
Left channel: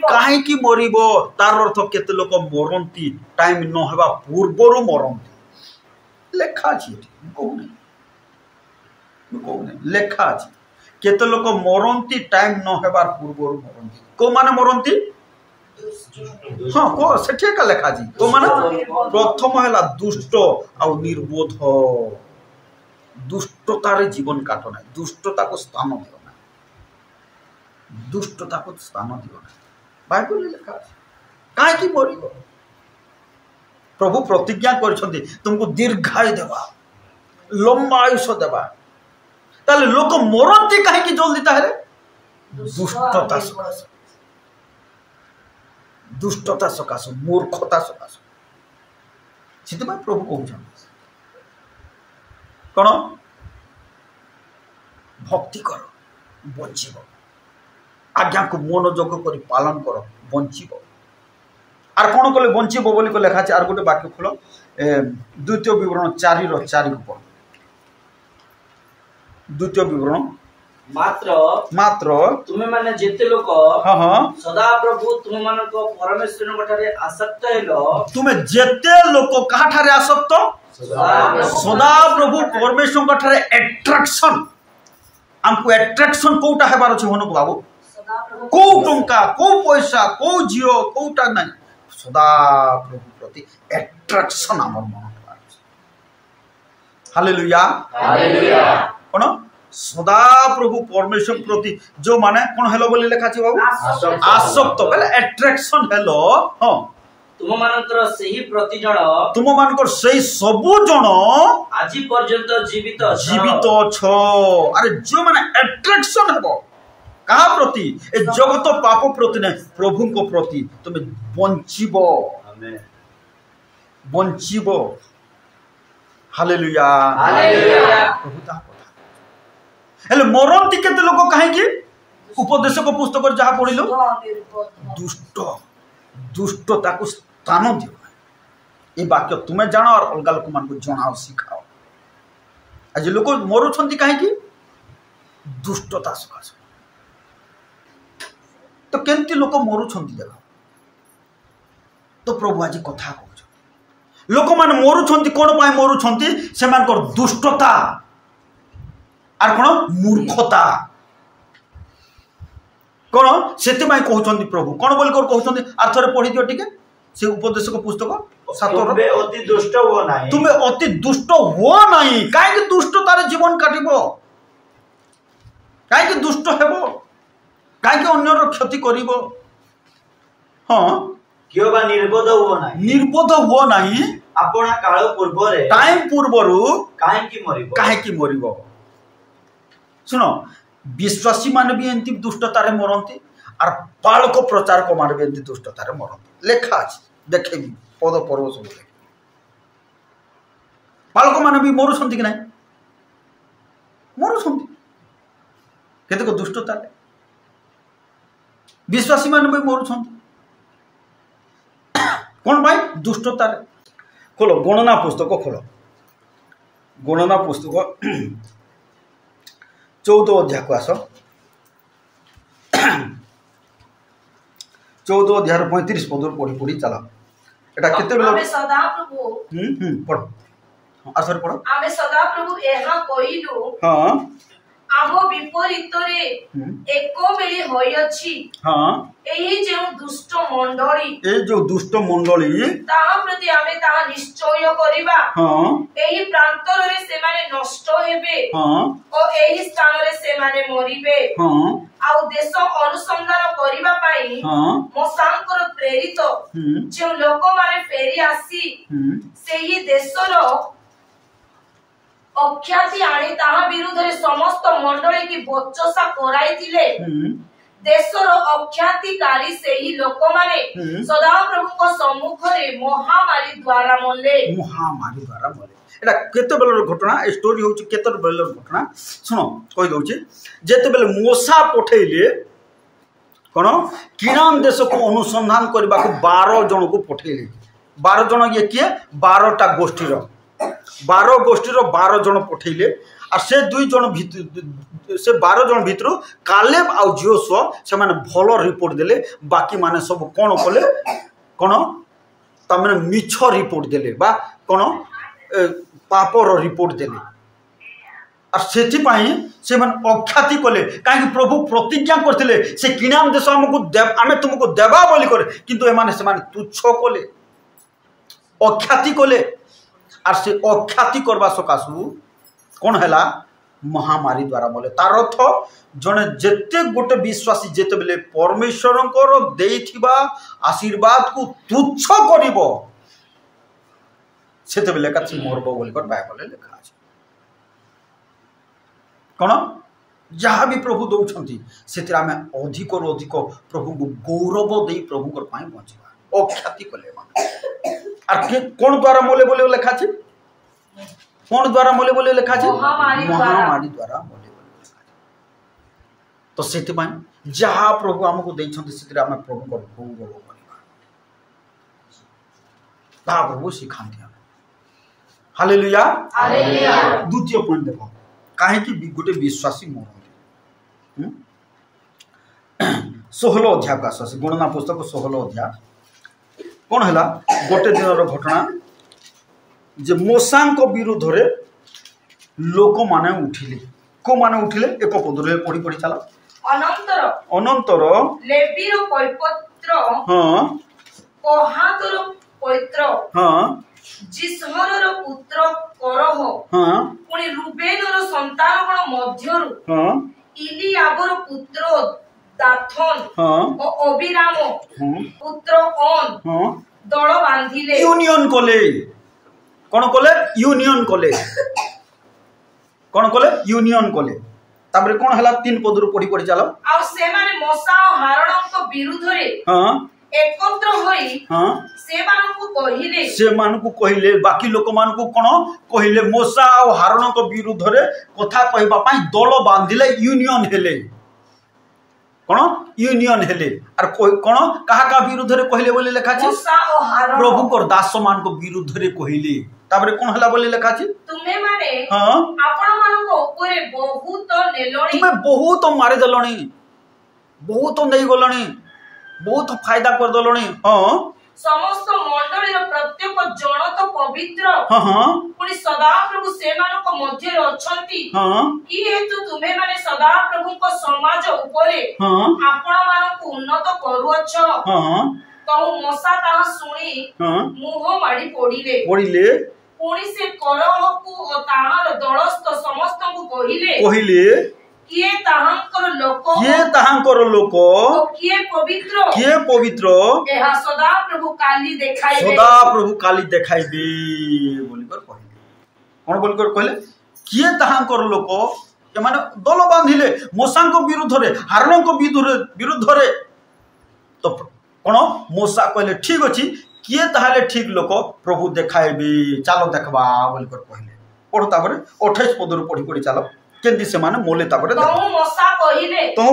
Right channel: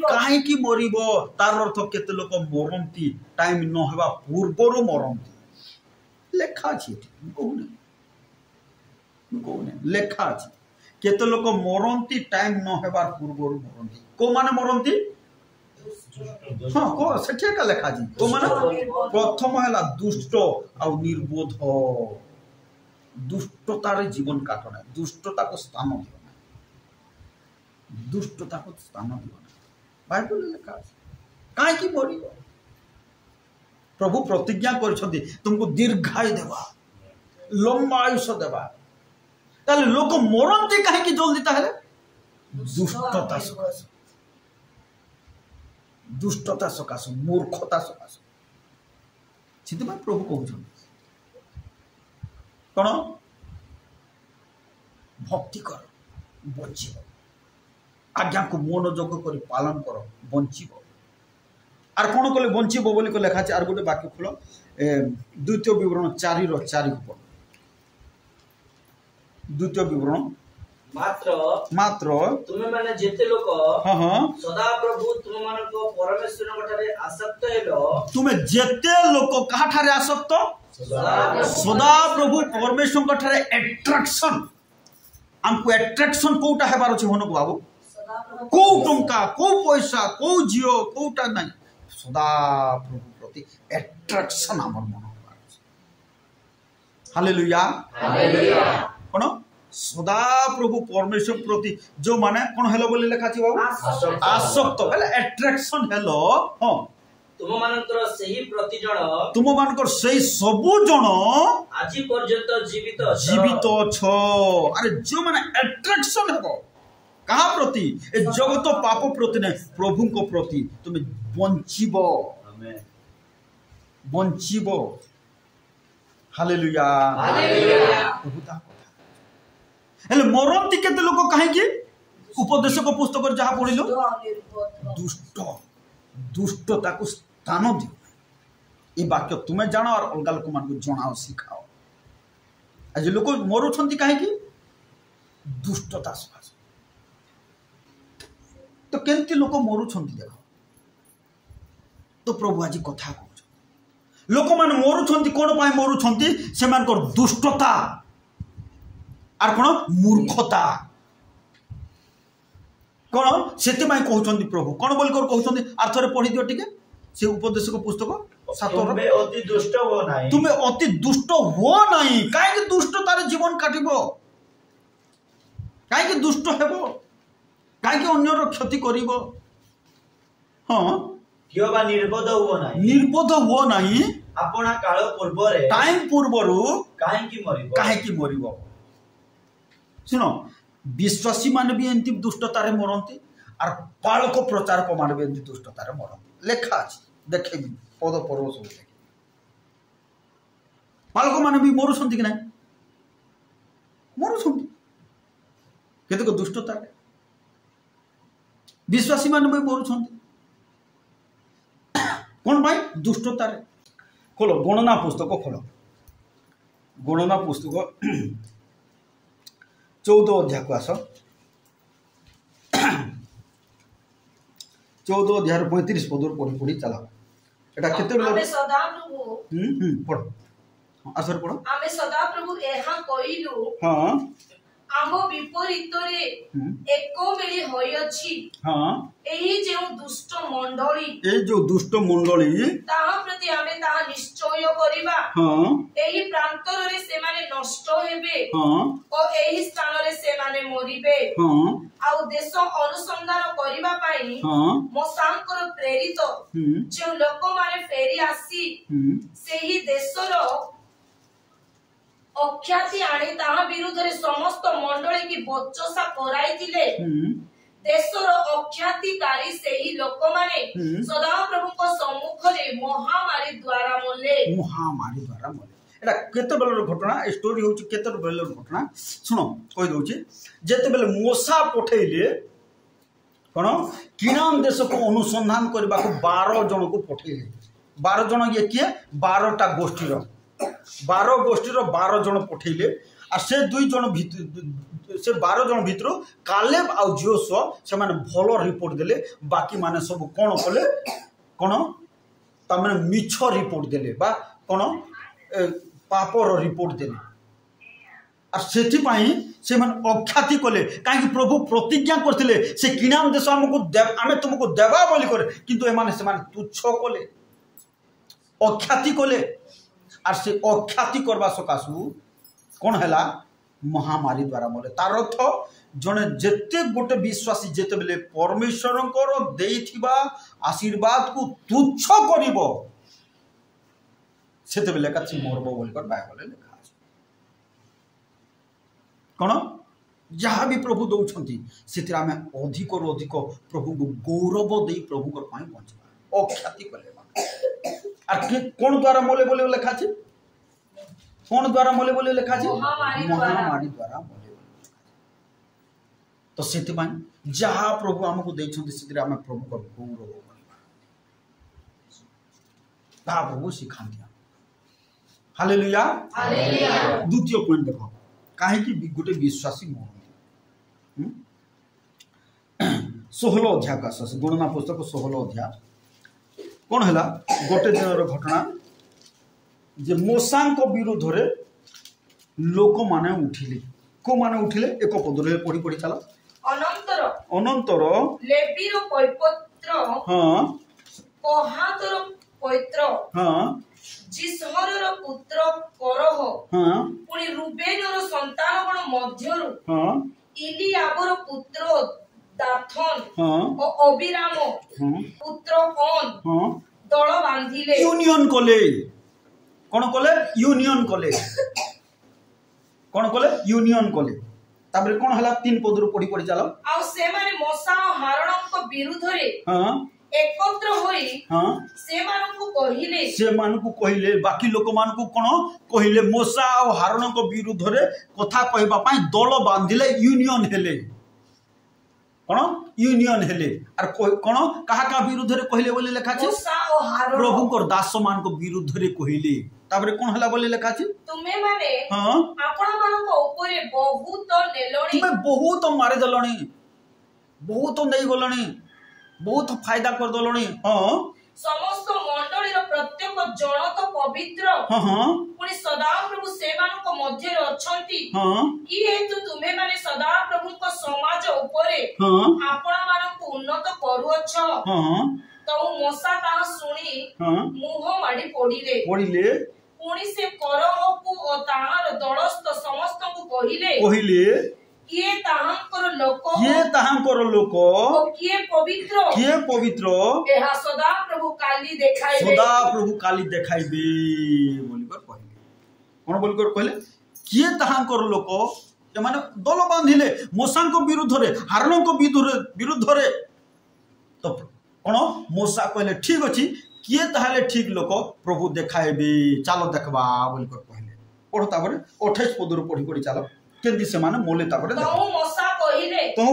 काहे मरिबो तार अर्थ केते लोक मरंती टाइम न हेबा पूर्वरु मरंती लेखा अछि कहू नहीं लेखा अछि केते लोक मरंती टाइम न हेबार पूर्वरु मरंती को माने मरंती हाँ को सेठे का लेखा जी तो माने प्रथम हैला दुष्ट आ निर्बोध दुष्टतार जीवन काट ना दुष्टता को स्थान दियो ना दुष्टता को स्थान दियो ना बाइबल लेखा काहे की मरिबो प्रभु प्रतिज्ञा करछन्ती तुमको दीर्घायु देबा लंबा आयुष्य देबा ताले लोक मरते काहे की जल्दी ताहे दुष्टता सकाश दुष्टता सकाश मूर्खता सकाश से प्रभु कहउछन कौन भक्ति कर बंचीब आज्ञा को मनोजोग कर पालन कर बंचीब आर कौन कले बंचीब बोली लेखा आर गोटे वाक्य खोल द्वितीय विवरण 4:4 को पढ़ द्वितीय विवरण मात्र तुमे माने जेते लोक सदा प्रभु तुम मानक परमेश्वर गठारे आसक्त हेलो तुमे जेते लोक कहा ठारे आसक्त सदा प्रभु परमेश्वर गठारे अट्रैक्शन हमको अट्रैक्शन कोटा हेबार अछि होनको बाबू को टंका को पैसा को जियो कोटा नहीं सदा प्रभु प्रति अट्रैक्शन हमर मन हालेलुया हालेलुया कोन सदा प्रभु परमेश्वर प्रति जो माने कोन हेलो बोली लेखा छी बाबू आसक्त बोले अट्रैक्शन हेलो हां तुम मानकर सही प्रति जण तुम मानकर सही सबु जण आजि पर्यंत जीवित छ अरे जो माने अट्रैक्शन हेबो कहा प्रति ए जगत पाप प्रति नहीं प्रभु को प्रति तुम बंचिबो आमेन बंचिबो हालेलुया हालेलुया प्रभु ता हेले मरंती केते लोक काहे कि उपदेशक पुस्तक जहा पढिलो दुष्ट दुष्ट ताकू स्थान दियो ये वाक्य तुम्हें जानो और अलग लोक मान को जनाओ सिखाओ आज लोक मरुछंती काहे कि दुष्टता सकाश तो केंती लोक मरुछंती देख तो प्रभु आज कथा कहउछ लोक मान मरुछंती कोन पाई मरुछंती से मानकर दुष्टता आर कोन मूर्खता कोन सेति माई कहउछंती प्रभु कोन बोल कर कहउछंती आर थरे पढि दियो ठीक है से उपदेशक पुस्तक 7 तुम्हें अति दुष्ट हो नाही तुम्हें अति दुष्ट हो नाही काहे कि दुष्टतार जीवन काटिबो काहे कि दुष्ट हेबो काहे कि अन्यर क्षति करिवो हां कियो बा निर्बोध हो नाही आपना काल पूर्व रे टाइम पूर्वरु काहे की मरिबो सुनो विश्वासी मान भी एंती दुष्टतारे मरंती और पालक प्रचारक मान भी एंती दुष्टतारे मरंती लेखा अछि देखे पद पर्व सब पालक मान भी मरुछंती कि नहीं मरुछंती केतेक दुष्टतारे विश्वासी मान भी मरुछंती कौन भाई दुष्टतारे खोलो गणना पुस्तक खोलो गणना पुस्तक 14 अध्याय को आस 14 अध्याय 35 पद पढ़ी पढ़ी चलो एटा केते बेला आमे सदा प्रभु पढ़ आसर पढ़ आमे सदा प्रभु एहा कहिलु हां आमो विपरीत रे एको बेली होई अछि हां एही जे दुष्ट मंडली ए जो दुष्ट मंडली ताहा प्रति आमे ताहा निश्चय करिबा हां एही प्रांतर रे से माने नष्ट हेबे हां ओ एही स्थान रे से माने मरिबे हां आउ देश अनुसंधान करिबा पई हां मोसांकर प्रेरित जे लोक माने फेरी आसी सेही देशर अख्याति आनी ताहा विरुद्ध रे समस्त मंडली की बचसा कराइथिले देशर अख्यातिकारी सेही लोक माने सदा प्रभु को सम्मुख रे महामारी द्वारा मले एटा केते बेलर घटना स्टोरी होची केते बेलर घटना सुनो कहि दोची जेते बेले मोसा पठेइले कोन किरान देश को अनुसंधान करबा को 12 जन को पठेइले 12 जन ये किए 12 टा गोष्ठी रो 12 गोष्ठी रो 12 जन पठेइले आ से 2 जन से 12 जन भितर कालेब आ जोशुआ से माने भलो रिपोर्ट देले बाकी माने सब कोन कले कोन त माने मिछ रिपोर्ट देले बा कोन पापर रिपोर्ट देले आ सेति पई से माने अख्याति कले काहे कि प्रभु प्रतिज्ञा करथिले से किनान देश हमकु आमे तुमको देबा बोली करे किंतु ए माने से माने तुच्छ कले अख्याति कले आ से अख्याति करबा सकासु कौन हैला महामारी द्वारा बोले तार अर्थ जने जेते गोटे विश्वासी जेते बेले परमेश्वरंकर देइथिबा आशीर्वाद को तुच्छ करिवो सेते बेले काछि मरबो बोली कर बाइबल लिखा अछि कोन जहाँ भी प्रभु दउछंती सेतिर आमे अधिक और अधिक प्रभु को गौरव देई प्रभु कर पाई बंचबा अख्याति कले आ कोन द्वारा मोले बोले लिखा अछि कौन द्वारा मोले बोले लिखा छै महामारी द्वारा मोले बोले लिखा तो सेति पई जहाँ प्रभु हमको देइछंती सेतिर आमे प्रभु को गौरव करिबा बा प्रभु सिखांती हालेलुया हालेलुया द्वितीय पॉइंट देखो काहे कि गोटे विश्वासी मरन 16 अध्याय का आस गणना पुस्तक 16 अध्याय कौन है गोटे दिन घटना जे मूसा विरुद्ध रे लोक माने उठिले को माने उठिले एक पद पढ़ी पढ़ी चला अनंतर लेवीर पवित्र हाँ कोहातर पवित्र हाँ जिसहरर पुत्र करह हाँ पुणी रुबेनर संतान मध्यरु हाँ इलियाबर पुत्र दाथन हाँ और अबिराम पुत्र ओन हाँ दल बांधिले यूनियन कले कौन कले यूनियन कले कौन कले यूनियन कले तापर कौन हला 3 पद पढ़ी पढ़ी चलो आ से माने मूसा और हारणक विरुद्ध रे हाँ एकत्र होई हाँ से मानकु कहिले बाकी लोक मानकु कोन कहिले मूसा और हारणक विरुद्ध रे कथा कहबा पई दल बांधिले यूनियन हेले कोन यूनियन हेले आर कोन कहा का विरुद्ध रे कहिले बोली लिखा छै मूसा और हारण प्रभु को दास मान को विरुद्ध रे कहिले ताबरे कोन हला बोली लिखा छै तुमे माने हां आपण मान को ऊपर बहुत नेलोणी तुमे बहुत मारे दलणी बहुत नै गलणी बहुत फायदा कर दलणी हां समस्त मंडली रो प्रत्येक जन तो पवित्र हां हां पुनी सदा प्रभु से मान को मध्य रे अछंती हां की हेतु तुमे माने सदा प्रभु को समाज ऊपर हां आपण मान को उन्नत करू अछ हां तो मूसा ता सुनी हां मुह माडी पड़िले पुणी से करह को ओ ताहार दलस्थ समस्त को कहिले किए ताहांकर लोक किए पवित्र एहा सदा प्रभु काली देखाइबे बोली कर कहले कोन बोल कर कहले किए ताहांकर लोक ए माने दल बांधिले मूसा को विरुद्ध रे हारण को विरुद्ध रे तो कोन मूसा कहले ठीक अछि किए ताहाले ठीक लोक प्रभु देखाइबे चलो देखबा बोली कर कहले पढ़ो तापर 28 पद पढ़ी पढ़ी चलो केंदी से माने मोले तापर तो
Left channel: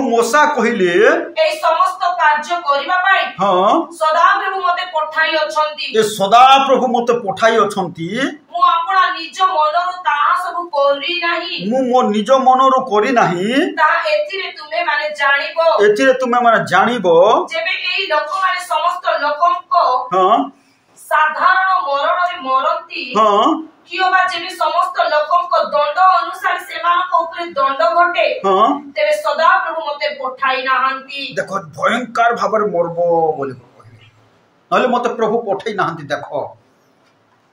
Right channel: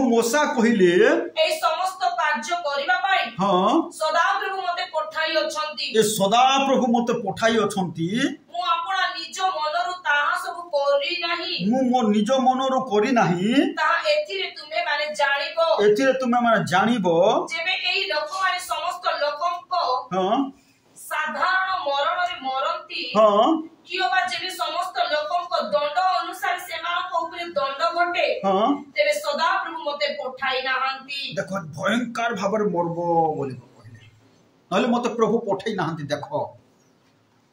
मूसा कहिले ए समस्त कार्य करिबा पाई हां सदा प्रभु मते पठाई अछंती ए सदा प्रभु मते पठाई अछंती मु आपणा निज मनरु ताहा सब करी नाही मु मो निज मनरु करी नाही ता एथिरे तुमे माने जानिबो जेबे एई लोक माने समस्त लोकंको हां साधारण मरण रे मरंती हां कियोबा जेबे समस्त लोकंको दंड अनुसार सेमानको ऊपर दंड घटे हां तेरे सदा प्रभु मते पठाई नाहंती देखो भयंकर भाबर मरबो बोली कहले नले मते प्रभु पठाई नाहंती देखो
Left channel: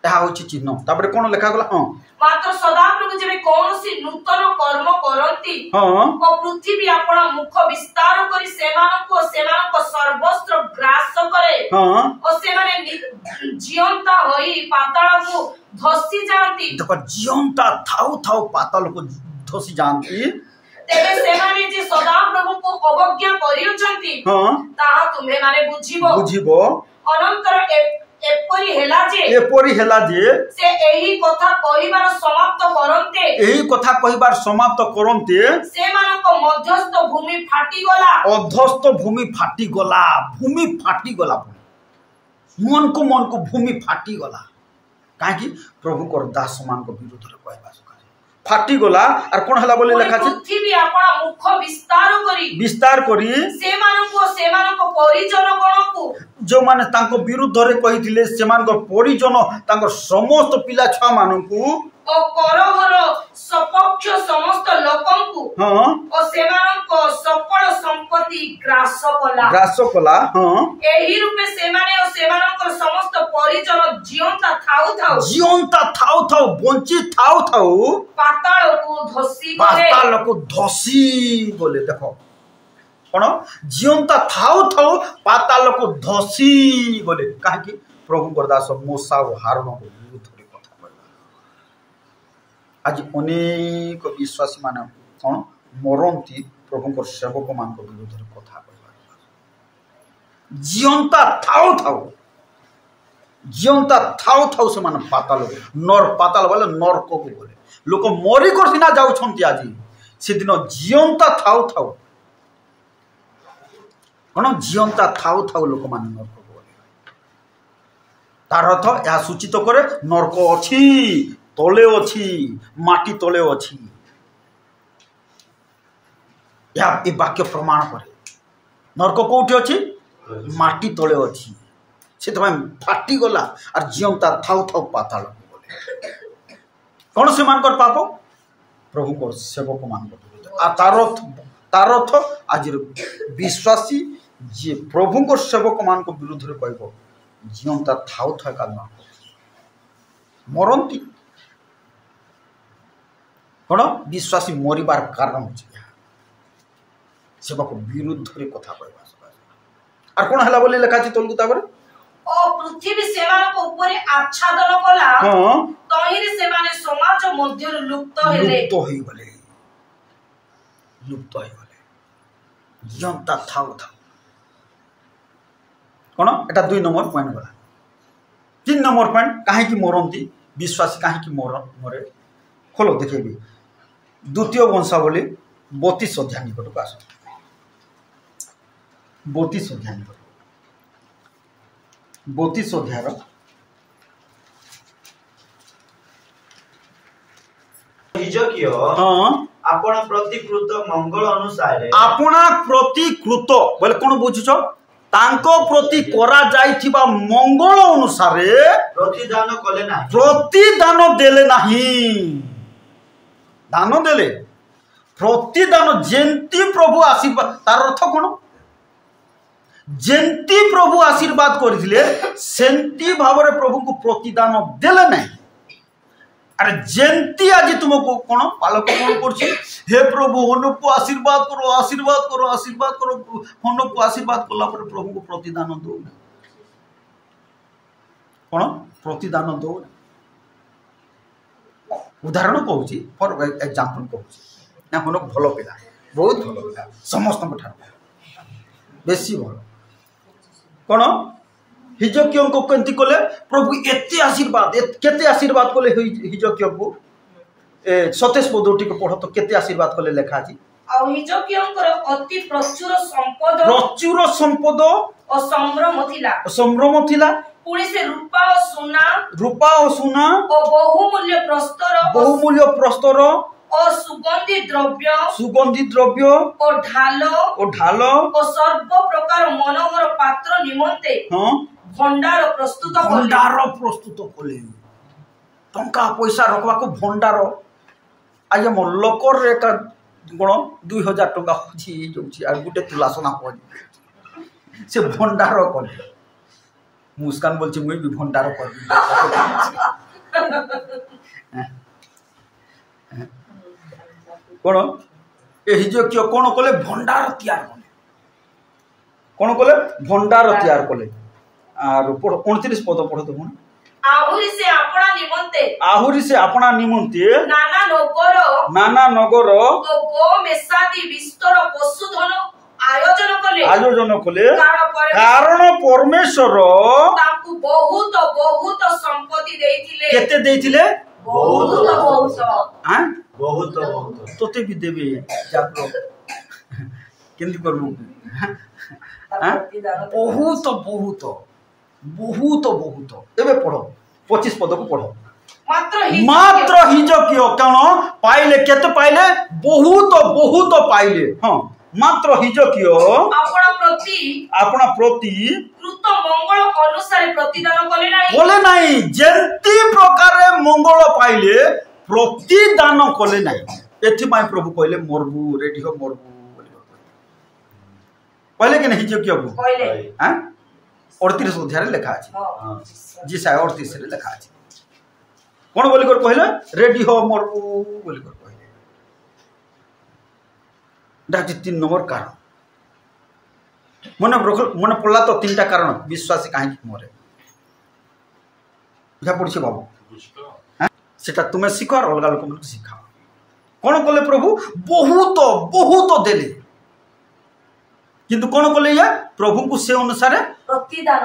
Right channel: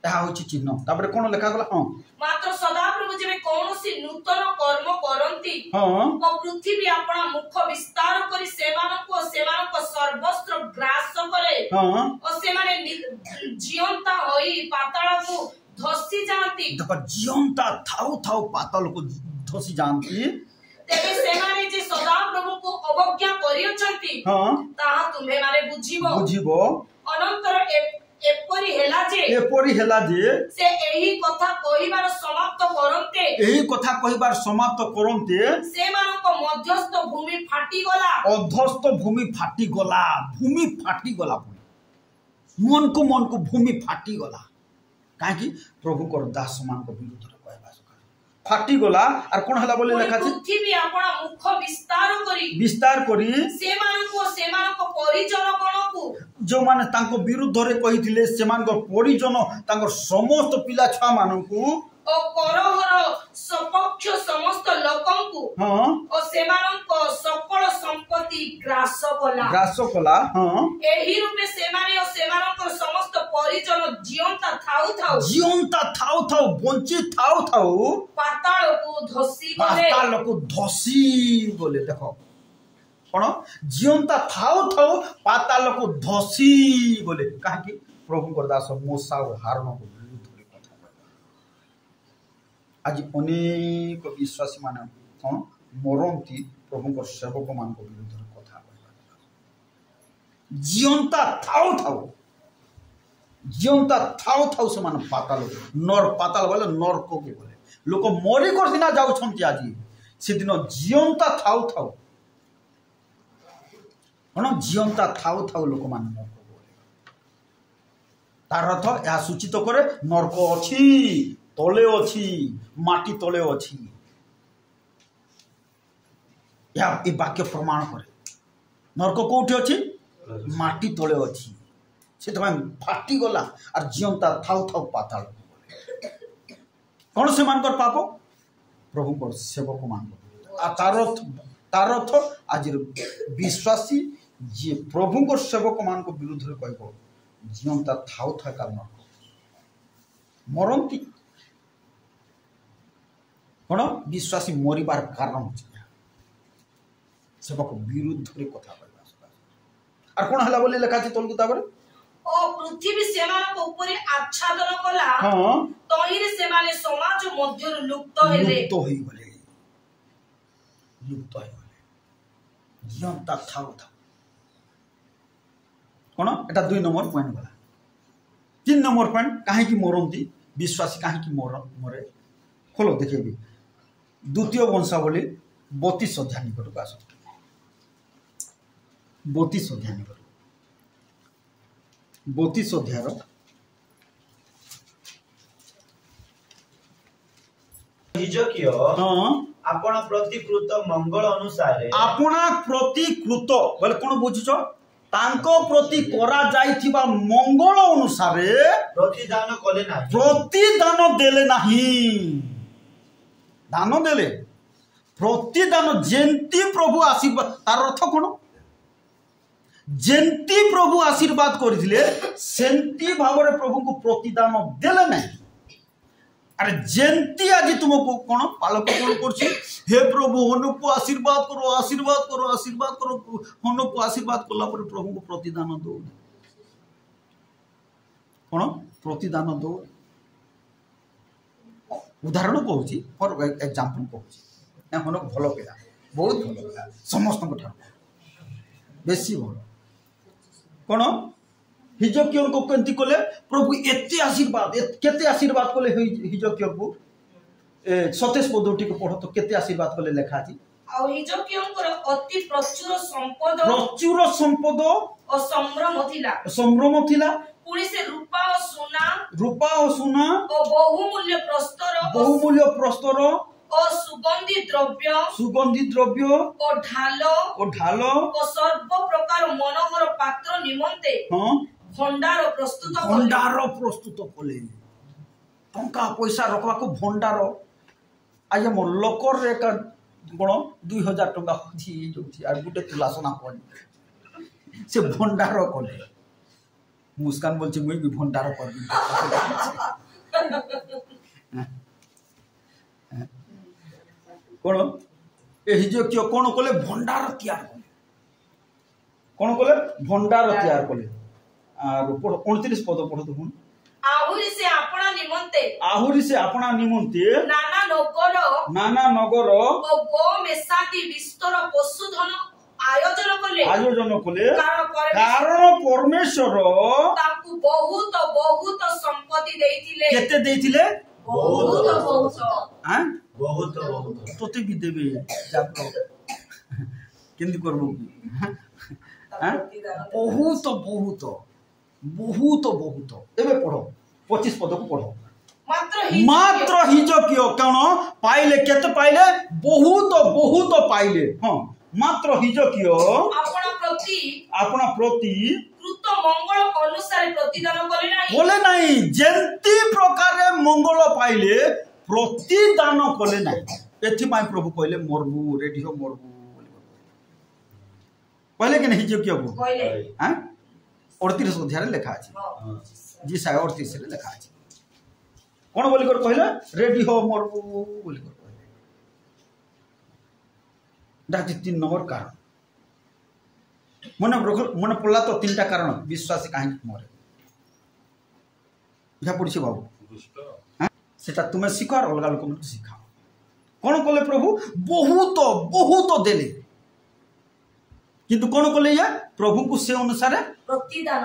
एहा होची चिन्ह तापर कोन लेखा गला हां मात्र सदा प्रभु जेबे कोनोसी नूतन कर्म करंती हां ओ पृथ्वी आपन मुख विस्तार करी सेमानको सर्वस्त्र ग्रास करे हां ओ से माने जीवंता होई पाताल को धसी जानती देखो जीवंता थाउ पाताल को धसी जानती तेरे से माने जे सदा प्रभु को अवज्ञा करियछंती हां ताहा तुम्हे माने बुझिबो अनंतर एपरी हेला जे से एही कथा कहिबार समाप्त करंते से मानको मध्यस्थ भूमि फाटी गला अधस्थ भूमि फाटी गला मन को भूमि फाटी गला काहे कि प्रभु को दास मान को विरुद्ध रे कहबा फाटी गला आर कोन हला बोले लिखा छै पृथ्वी आपन मुख विस्तार करी से मानको परिजन गणको जो माने तांको विरुद्ध रे कहिथिले से मानको परिजन तांको समस्त पिला छुआ मानकु ओ करहर सपक्ष समस्त लोकंकु हां ओ से मानको सकल संपत्ति ग्रास कला हां एही रूपे से माने ओ से मानकर समस्त परिजन जीवंता थाउ बंची थाउ पाताल को धसी बोले देखो कोन जीवंता थाउ पाताल को धसी बोले काहे कि प्रभु करदास मूसा और हारून को विरुद्ध रे कथा कहला आज अनेक विश्वासी माने कोन मरंती प्रभु को सेवक मान को विरुद्ध रे कथा कहला जीवंता थाउ से माने पाताल पाताल बोले नरक को बोले लोक मरी कर सिना जाउछंती आज से दिन जीवंता थाउ कोन जीवंता थाउ लोक मान नरक बोले तार अर्थ या सूचित करे नरक अछि तले अछि माटी तले अछि या ए वाक्य प्रमाण करे नरक कौटी अच्छी माटी तले अच्छी से फाटी गला और जीवता थाउ थाउ पाताल कौन से मान कर पाप प्रभु को सेवक मान तार अर्थ आज विश्वासी जी प्रभु को सेवक मान को विरुद्ध रे कहबो जीवता थाउ थाउ का मरंती कौन विश्वासी मरिबार कारण होची सेवक विरुद्ध रे कथा कहबा और कौन हला बोले लिखा तलकू तापर ओ पृथ्वी सेमान को ऊपर आच्छादन कला तहिरे सेमाने समाज मध्य लुप्त हेले जनता थाउ था कौन एटा 2 नंबर पॉइंट गला 3 नंबर पॉइंट काहे की मरंती विश्वासी काहे की मरे खोलो देखिबी द्वितीय वंशावली 32 अध्याय निकट को आस 32 अध्याय निकट 32 अध्याय आपण प्रतिकृत मंगल अनुसार आपना प्रतिकृत बोले कौन बुझुछ तांको प्रति करा जाइथिबा मंगल अनुसार प्रतिदान कले ना प्रतिदान देले नाही दान देले प्रतिदान जेंती प्रभु आशीर्वाद तार अर्थ कौन जेंती प्रभु आशीर्वाद करथिले सेंती भाव प्रभु को प्रतिदान देले नहीं अरे जेंती आज तुमको कौन पालक कौन कर हे प्रभु हनुक को आशीर्वाद करो आशीर्वाद करो आशीर्वाद करो हनुक को आशीर्वाद कला प्रभु को प्रतिदान दो कौन प्रतिदान दो उदाहरण कहूँ फॉर एग्जांपल कहूँ ना हनुक भल पिला बहुत भल पिला समस्त बेसी भल कौन हिजकियों को केंती कले प्रभु एते आशीर्वाद केते आशीर्वाद कले हिजकियों को 27 पदटी को पढ़ो तो केते आशीर्वाद कले लिखा अछि आ हिजकियों को अति प्रचुर संपद और संभ्रम थिला पुणी से रूपा और सोना और बहुमूल्य प्रस्तर और सुगंधी द्रव्य और ढाल और सर्व प्रकार मनोहर पात्र निमंते भंडार प्रस्तुत कले टंका पैसा रखवा को भंडार आज मोर लोकर एक गुण 2000 टंका होची जोची आ गुटे तुला सोना पड़ी से भंडार कले मुस्कान बोलची मुई भी भंडार कर कौन ए हिजकियो कौन कले भंडार तैयार कले कौन कले भंडार तैयार कले आर 29 पद पढ़ो तो आहुरी से अपना निमंते नाना नगर और गो मेसादी विस्तर पशुधन आयोजन कले कारण परमेश्वर ताकू बहुत बहुत संपत्ति देइथिले केते देइथिले बहुत हां बहुत तोते भी देबे जातो केंदी करबो बहुत बहुत बहुत बहुत एबे पढ़ो 25 पद को पढ़ो मात्र हिजकियो कौन पाइले केते पाइले बहुत बहुत पाइले हां मात्र हिजकियो अपना प्रति कृत मंगल अनुसार प्रतिदान कले नहीं जेंती प्रकार मंगल पाइले प्रतिदान कले नहीं एथि माय प्रभु कहले मरबू रेडी हो मरबू पहले के नहीं हिजकियो को कहले हां 38 अध्याय लिखा अछि जी 38 रे लिखा अछि कोन बोली कर कहले रेडी हो मरबू बोली कर कहले डाजी 3 नंबर कारण मन पड़ला तो 3टा कारण विश्वासी काहे मरे या पड़छ बाबू सेटा तुमे सिखो और अलग लोक मन सिखाओ कोन कहले प्रभु बहुत बहुत देले किंतु कोन कहले या प्रभु को से अनुसार प्रतिदान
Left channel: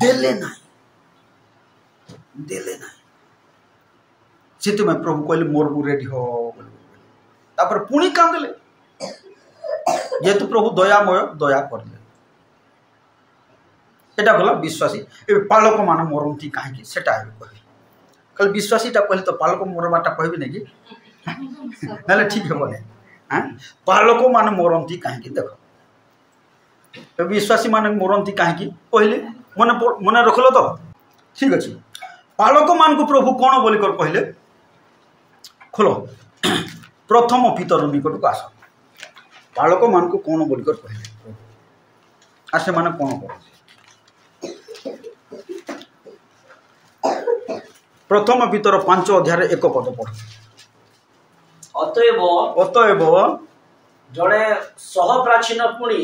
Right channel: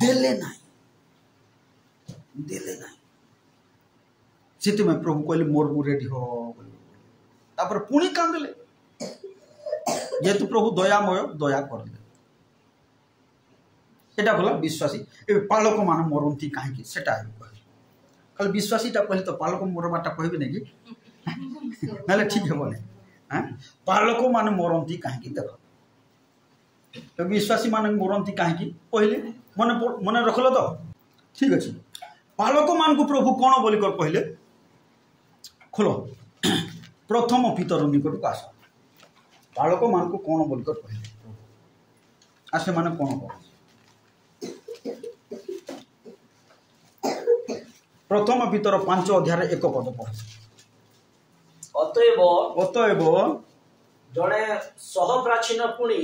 देले नहीं से तुम प्रभु कहले मोरबू रेडी हो तापर पुणी कांदले जेतु प्रभु दयामय दया करले एटा गला विश्वासी ए पालक मान मरंती काहे सेटा कल विश्वासीटा कहले तो पालक मरबाटा कहबे नै कि नाले ठीक हो बोले बालक मान मरती कहीं देख विश्वासी मान मरती कहीं कहले मन मन रखल तो ठीक अच्छे बालक मान को प्रभु कौन बोल कर कहले खोल प्रथम पितर निकट को आस बालक मान को कौन बोल कर कहले आ से माने कौन कर प्रथम पितर 5 अध्याय 1 पद पढ़ अतएव जड़े सहप्राचीन पुणी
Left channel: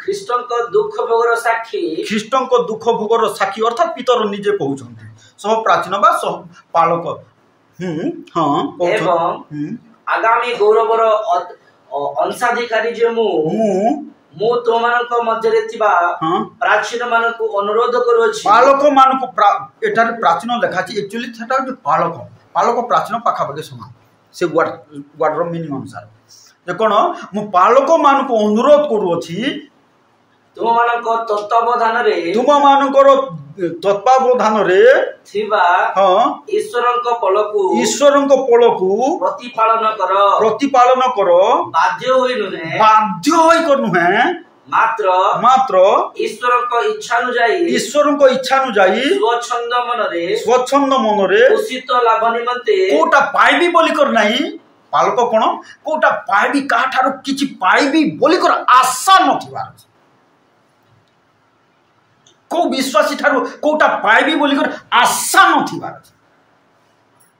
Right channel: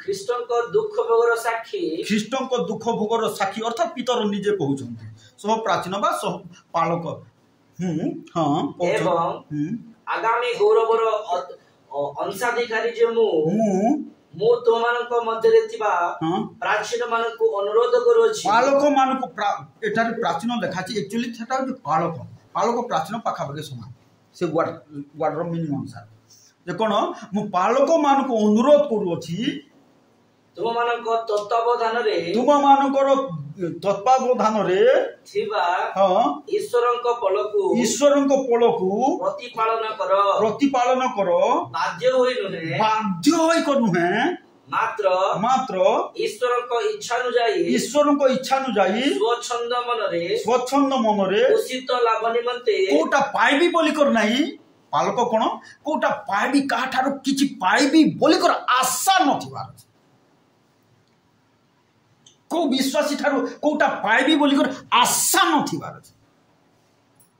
ख्रीष्ट दुख भोगर साक्षी अर्थात पितर निजे कहते सहप्राचीन बा सह पालक आगामी गौरवर अंशाधिकारी जे मु तुमମାନଙ୍କ ମଧ୍ୟରେ ଥିବା प्राचीन ମାନଙ୍କୁ अनुरोध करूछि पालक ମାନଙ୍କୁ एठार प्राचीन लेखा अछि एक्चुअली सेटा जे पालक प्राचीन पाखापाखि समान से वार्डर मीनिंग अनुसार जे कोन मु पालक ମାନଙ୍କୁ अनुरोध करूछि तुमମାନଙ୍କ तत्वावधान रे थिबा ईश्वरଙ୍କ पलकु प्रतिपालन कर बाध्य होई नुहे मात्र ईश्वरଙ୍କ इच्छा अनुଯାयी स्वच्छंद मनरे उचित लाभ निमंते कोटा पाइबी बोली कर नहीं पालक कोन कोटा पाइबी का ठारो किछि पाइबी बोली कर आशा नथिबार को विश्वासी ठारो कोटा पाइबी बोली कर आशा नथिबार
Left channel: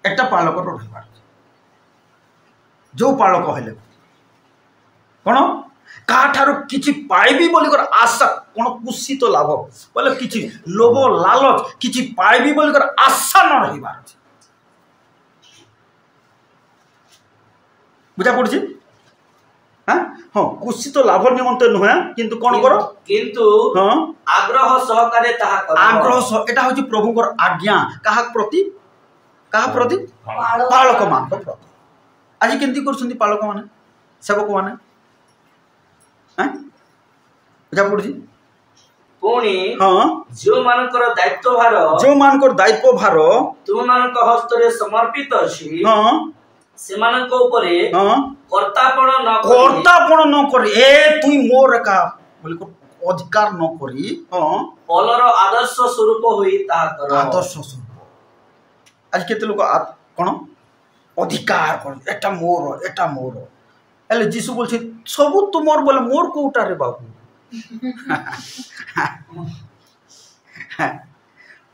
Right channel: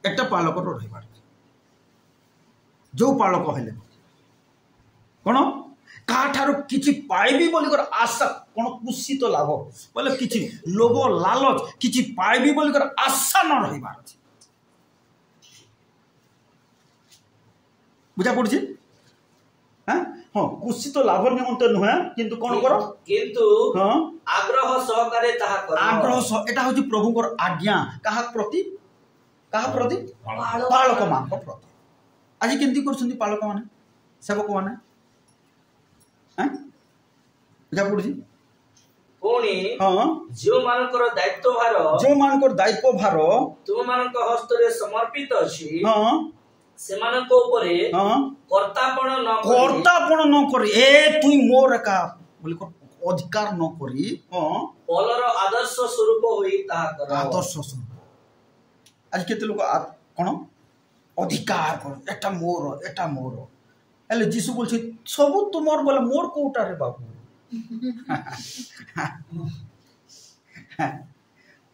एकटा पालक रहिबार जो पालक हेले कोन का ठारो किछि पाइबी बोली कर आशा कोन कुसित लाभ बोले किछि लोभ लालच किछि पाइबी बोली कर आशा न रहिबार बुझा पड़छि हाँ कुसित लाभ निमंते नुहे किंतु कोन करो किंतु आग्रह सहकारे ताहा करो आग्रह एटा होछि प्रभुकर आज्ञा कहा प्रति पालक मान प्रति आज केंती करछन्ती पालक माने सेवक माने बुझा पड़छि पुणी जो मानकर दायित्व भार तुम मानक हस्तरे समर्पित अछि सेमानक ऊपरे कर्तापण न कर ए तुई मोर का बोली को अधिकार न करी पलर आदर्श स्वरूप होई ताहा कर आदर्श स्वरूप आज केते लोक कोन अधिकार कर एटा मोर एले जीसु बोलछे सब तुमर बोले मोर कोटा रे बाबू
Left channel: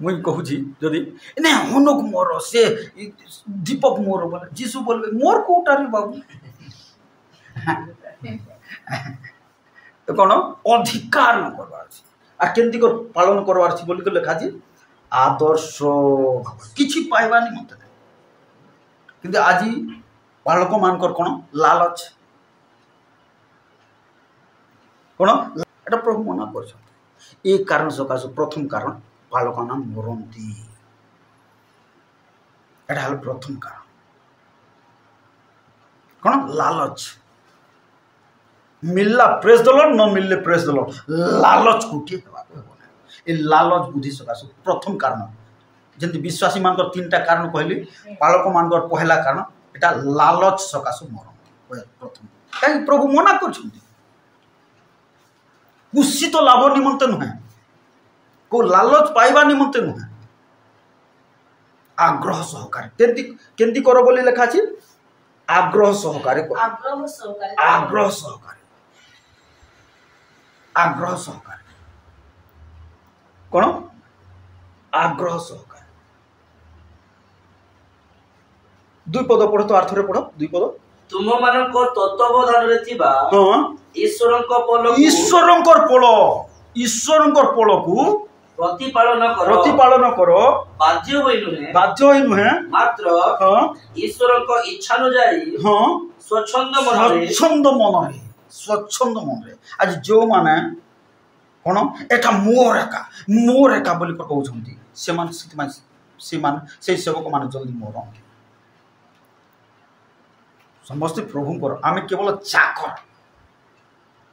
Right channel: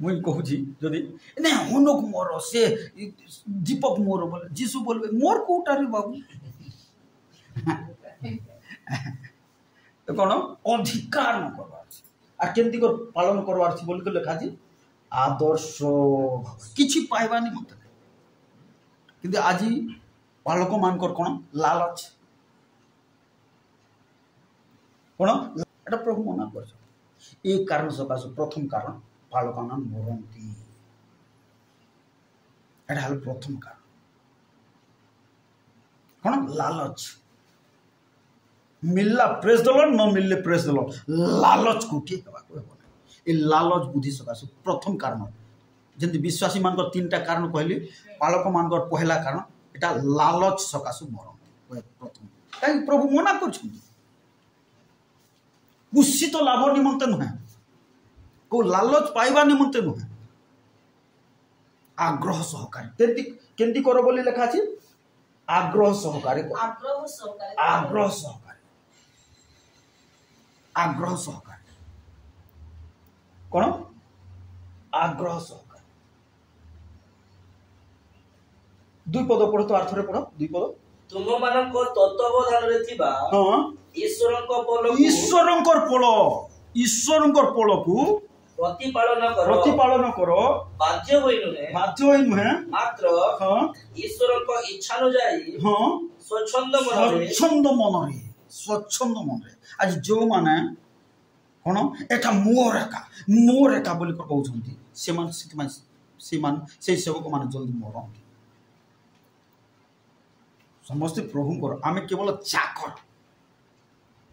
मुई कहूँ जदि ने हनुक मोर से दीपक मोर बोले जीसु बोलबे मोर कोटा रे बाबू तो कौन अधिकार न करवार आ केंती कर पालन करवार छी बोली को लिखा छी आदर्श किछि पाइबा नि मते किंतु आज बालक मानकर कोन लालच कोन एटा प्रभु मना कर एक कारण सकाश प्रथम कारण बालक नाम मरती एटा हल प्रथम कारण कोन लालच मिलला प्रेस द लॉर्ड न मिलले प्रेस द लॉर्ड लालच कोठी हेबा ए लालच बुद्धि सकाश प्रथम कारण जंती विश्वासी मानकर तीनटा कारण कहली बालक मानकर पहला कारण एटा लालच सकाश मरती प्रथम काई प्रभु मना करछन्ती कुसित लाभ निमंते नुहे को लालच पाइबा निमंते नुहे आग्रह सहकारे केंती करो बोली लिखा अछि आग्रह सहकारे कोन आग्रह सहकारे दुई पद पढ़ो तो अर्थ रे पढ़ो दुई पद तुम मानक तत्वावधान रे थिबा ईश्वरंकर पलकु प्रतिपालन करो बाध्य होई नुहे मात्र ईश्वरक इच्छा अनुଯାयी स्वच्छंद मनरे आज जो माने कोन एटा मोर एका बोली कहउछन्ती से सेवक माने जल्दी मरंती समस्त प्रभुंकर आमे केवल चाकर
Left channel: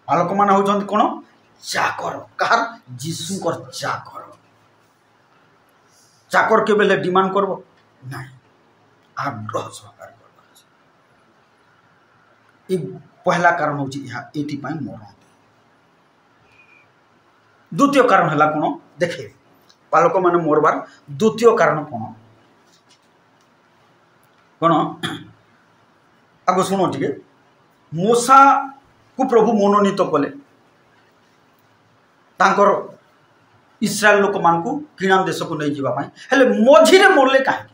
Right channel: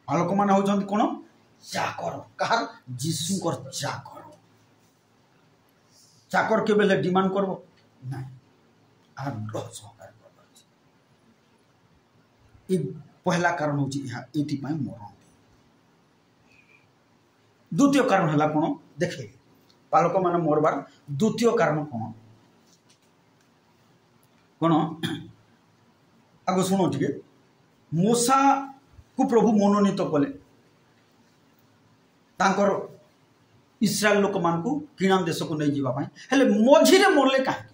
बालक मान होउछन्ती कोन चाकर कहार जीशुकर चाकर के बेले डिमांड करबो नहीं आग्रह सहकार ये पहला कारण हूँ ये मरण। द्वितीय कारण है कौन देखे बालक मैंने मरबार द्वितीय कारण कौन कौन आग शुण टे मूसा को प्रभु मनोनीत कले तांकर इस्राएल लोक मान को किणा देश को नहीं जावाई हेले मझीरे मरले कहीं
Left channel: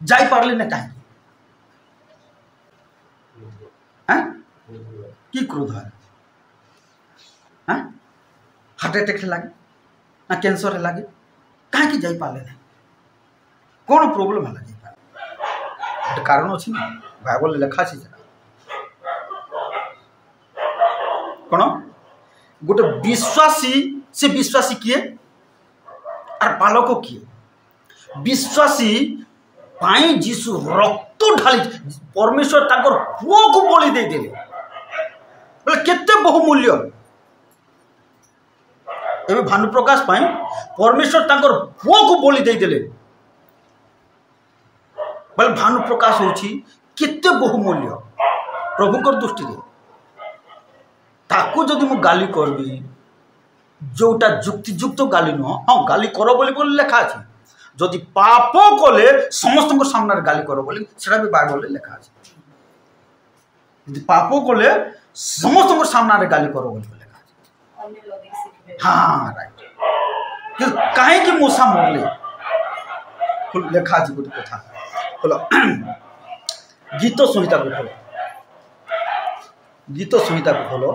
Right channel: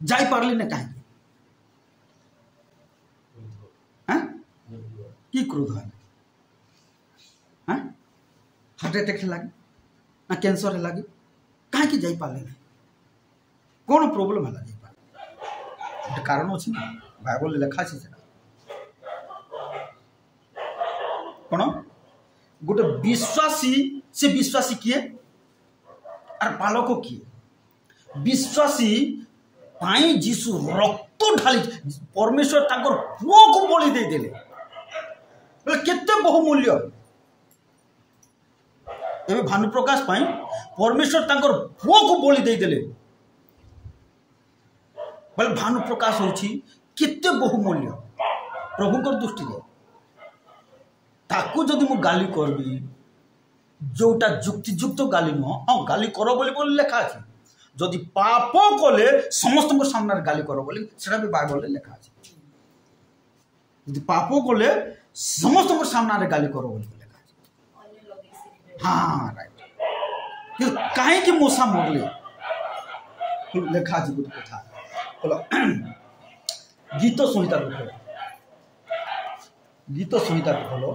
जाई पारले ना कहीं कि क्रोध है हार्ट अटैक लगे ना कैंसर लगे कहीं जाई पारले ना कौन प्रोब्लेम है जाई पार कारण अच्छी ना बाइबल लिखा अच्छी कौन गोटे विश्वासी से विश्वासी किए और बालक किए विश्वासी पाई जीशु रक्त ढाली परमेश्वर ताकर पुओ को बलि दे देले बोले केते बहुमूल्य एबे भानु प्रकाश पाई परमेश्वर ताकर पुओ को बलि दे देले बोले भानु प्रकाश होची केते बहुमूल्य प्रभुकर दृष्टि रे ताकू जदि मु गाली करबी जोटा जुक्तियुक्त गाली नुह हाँ गाली कर बोली लेखा अच्छे जदि पाप कले समस्त सामने गाली कर बोली सेटा भी बाइबल लेखा अच्छे यदि पाप कले समस्त सामने गाली कर बोली लेखा अच्छे हाँ राइट कहीं मूसा मरले लेखा अच्छे गोटे कथा बोलो गीत संहिता को खोलो गीत संहिता को खोलो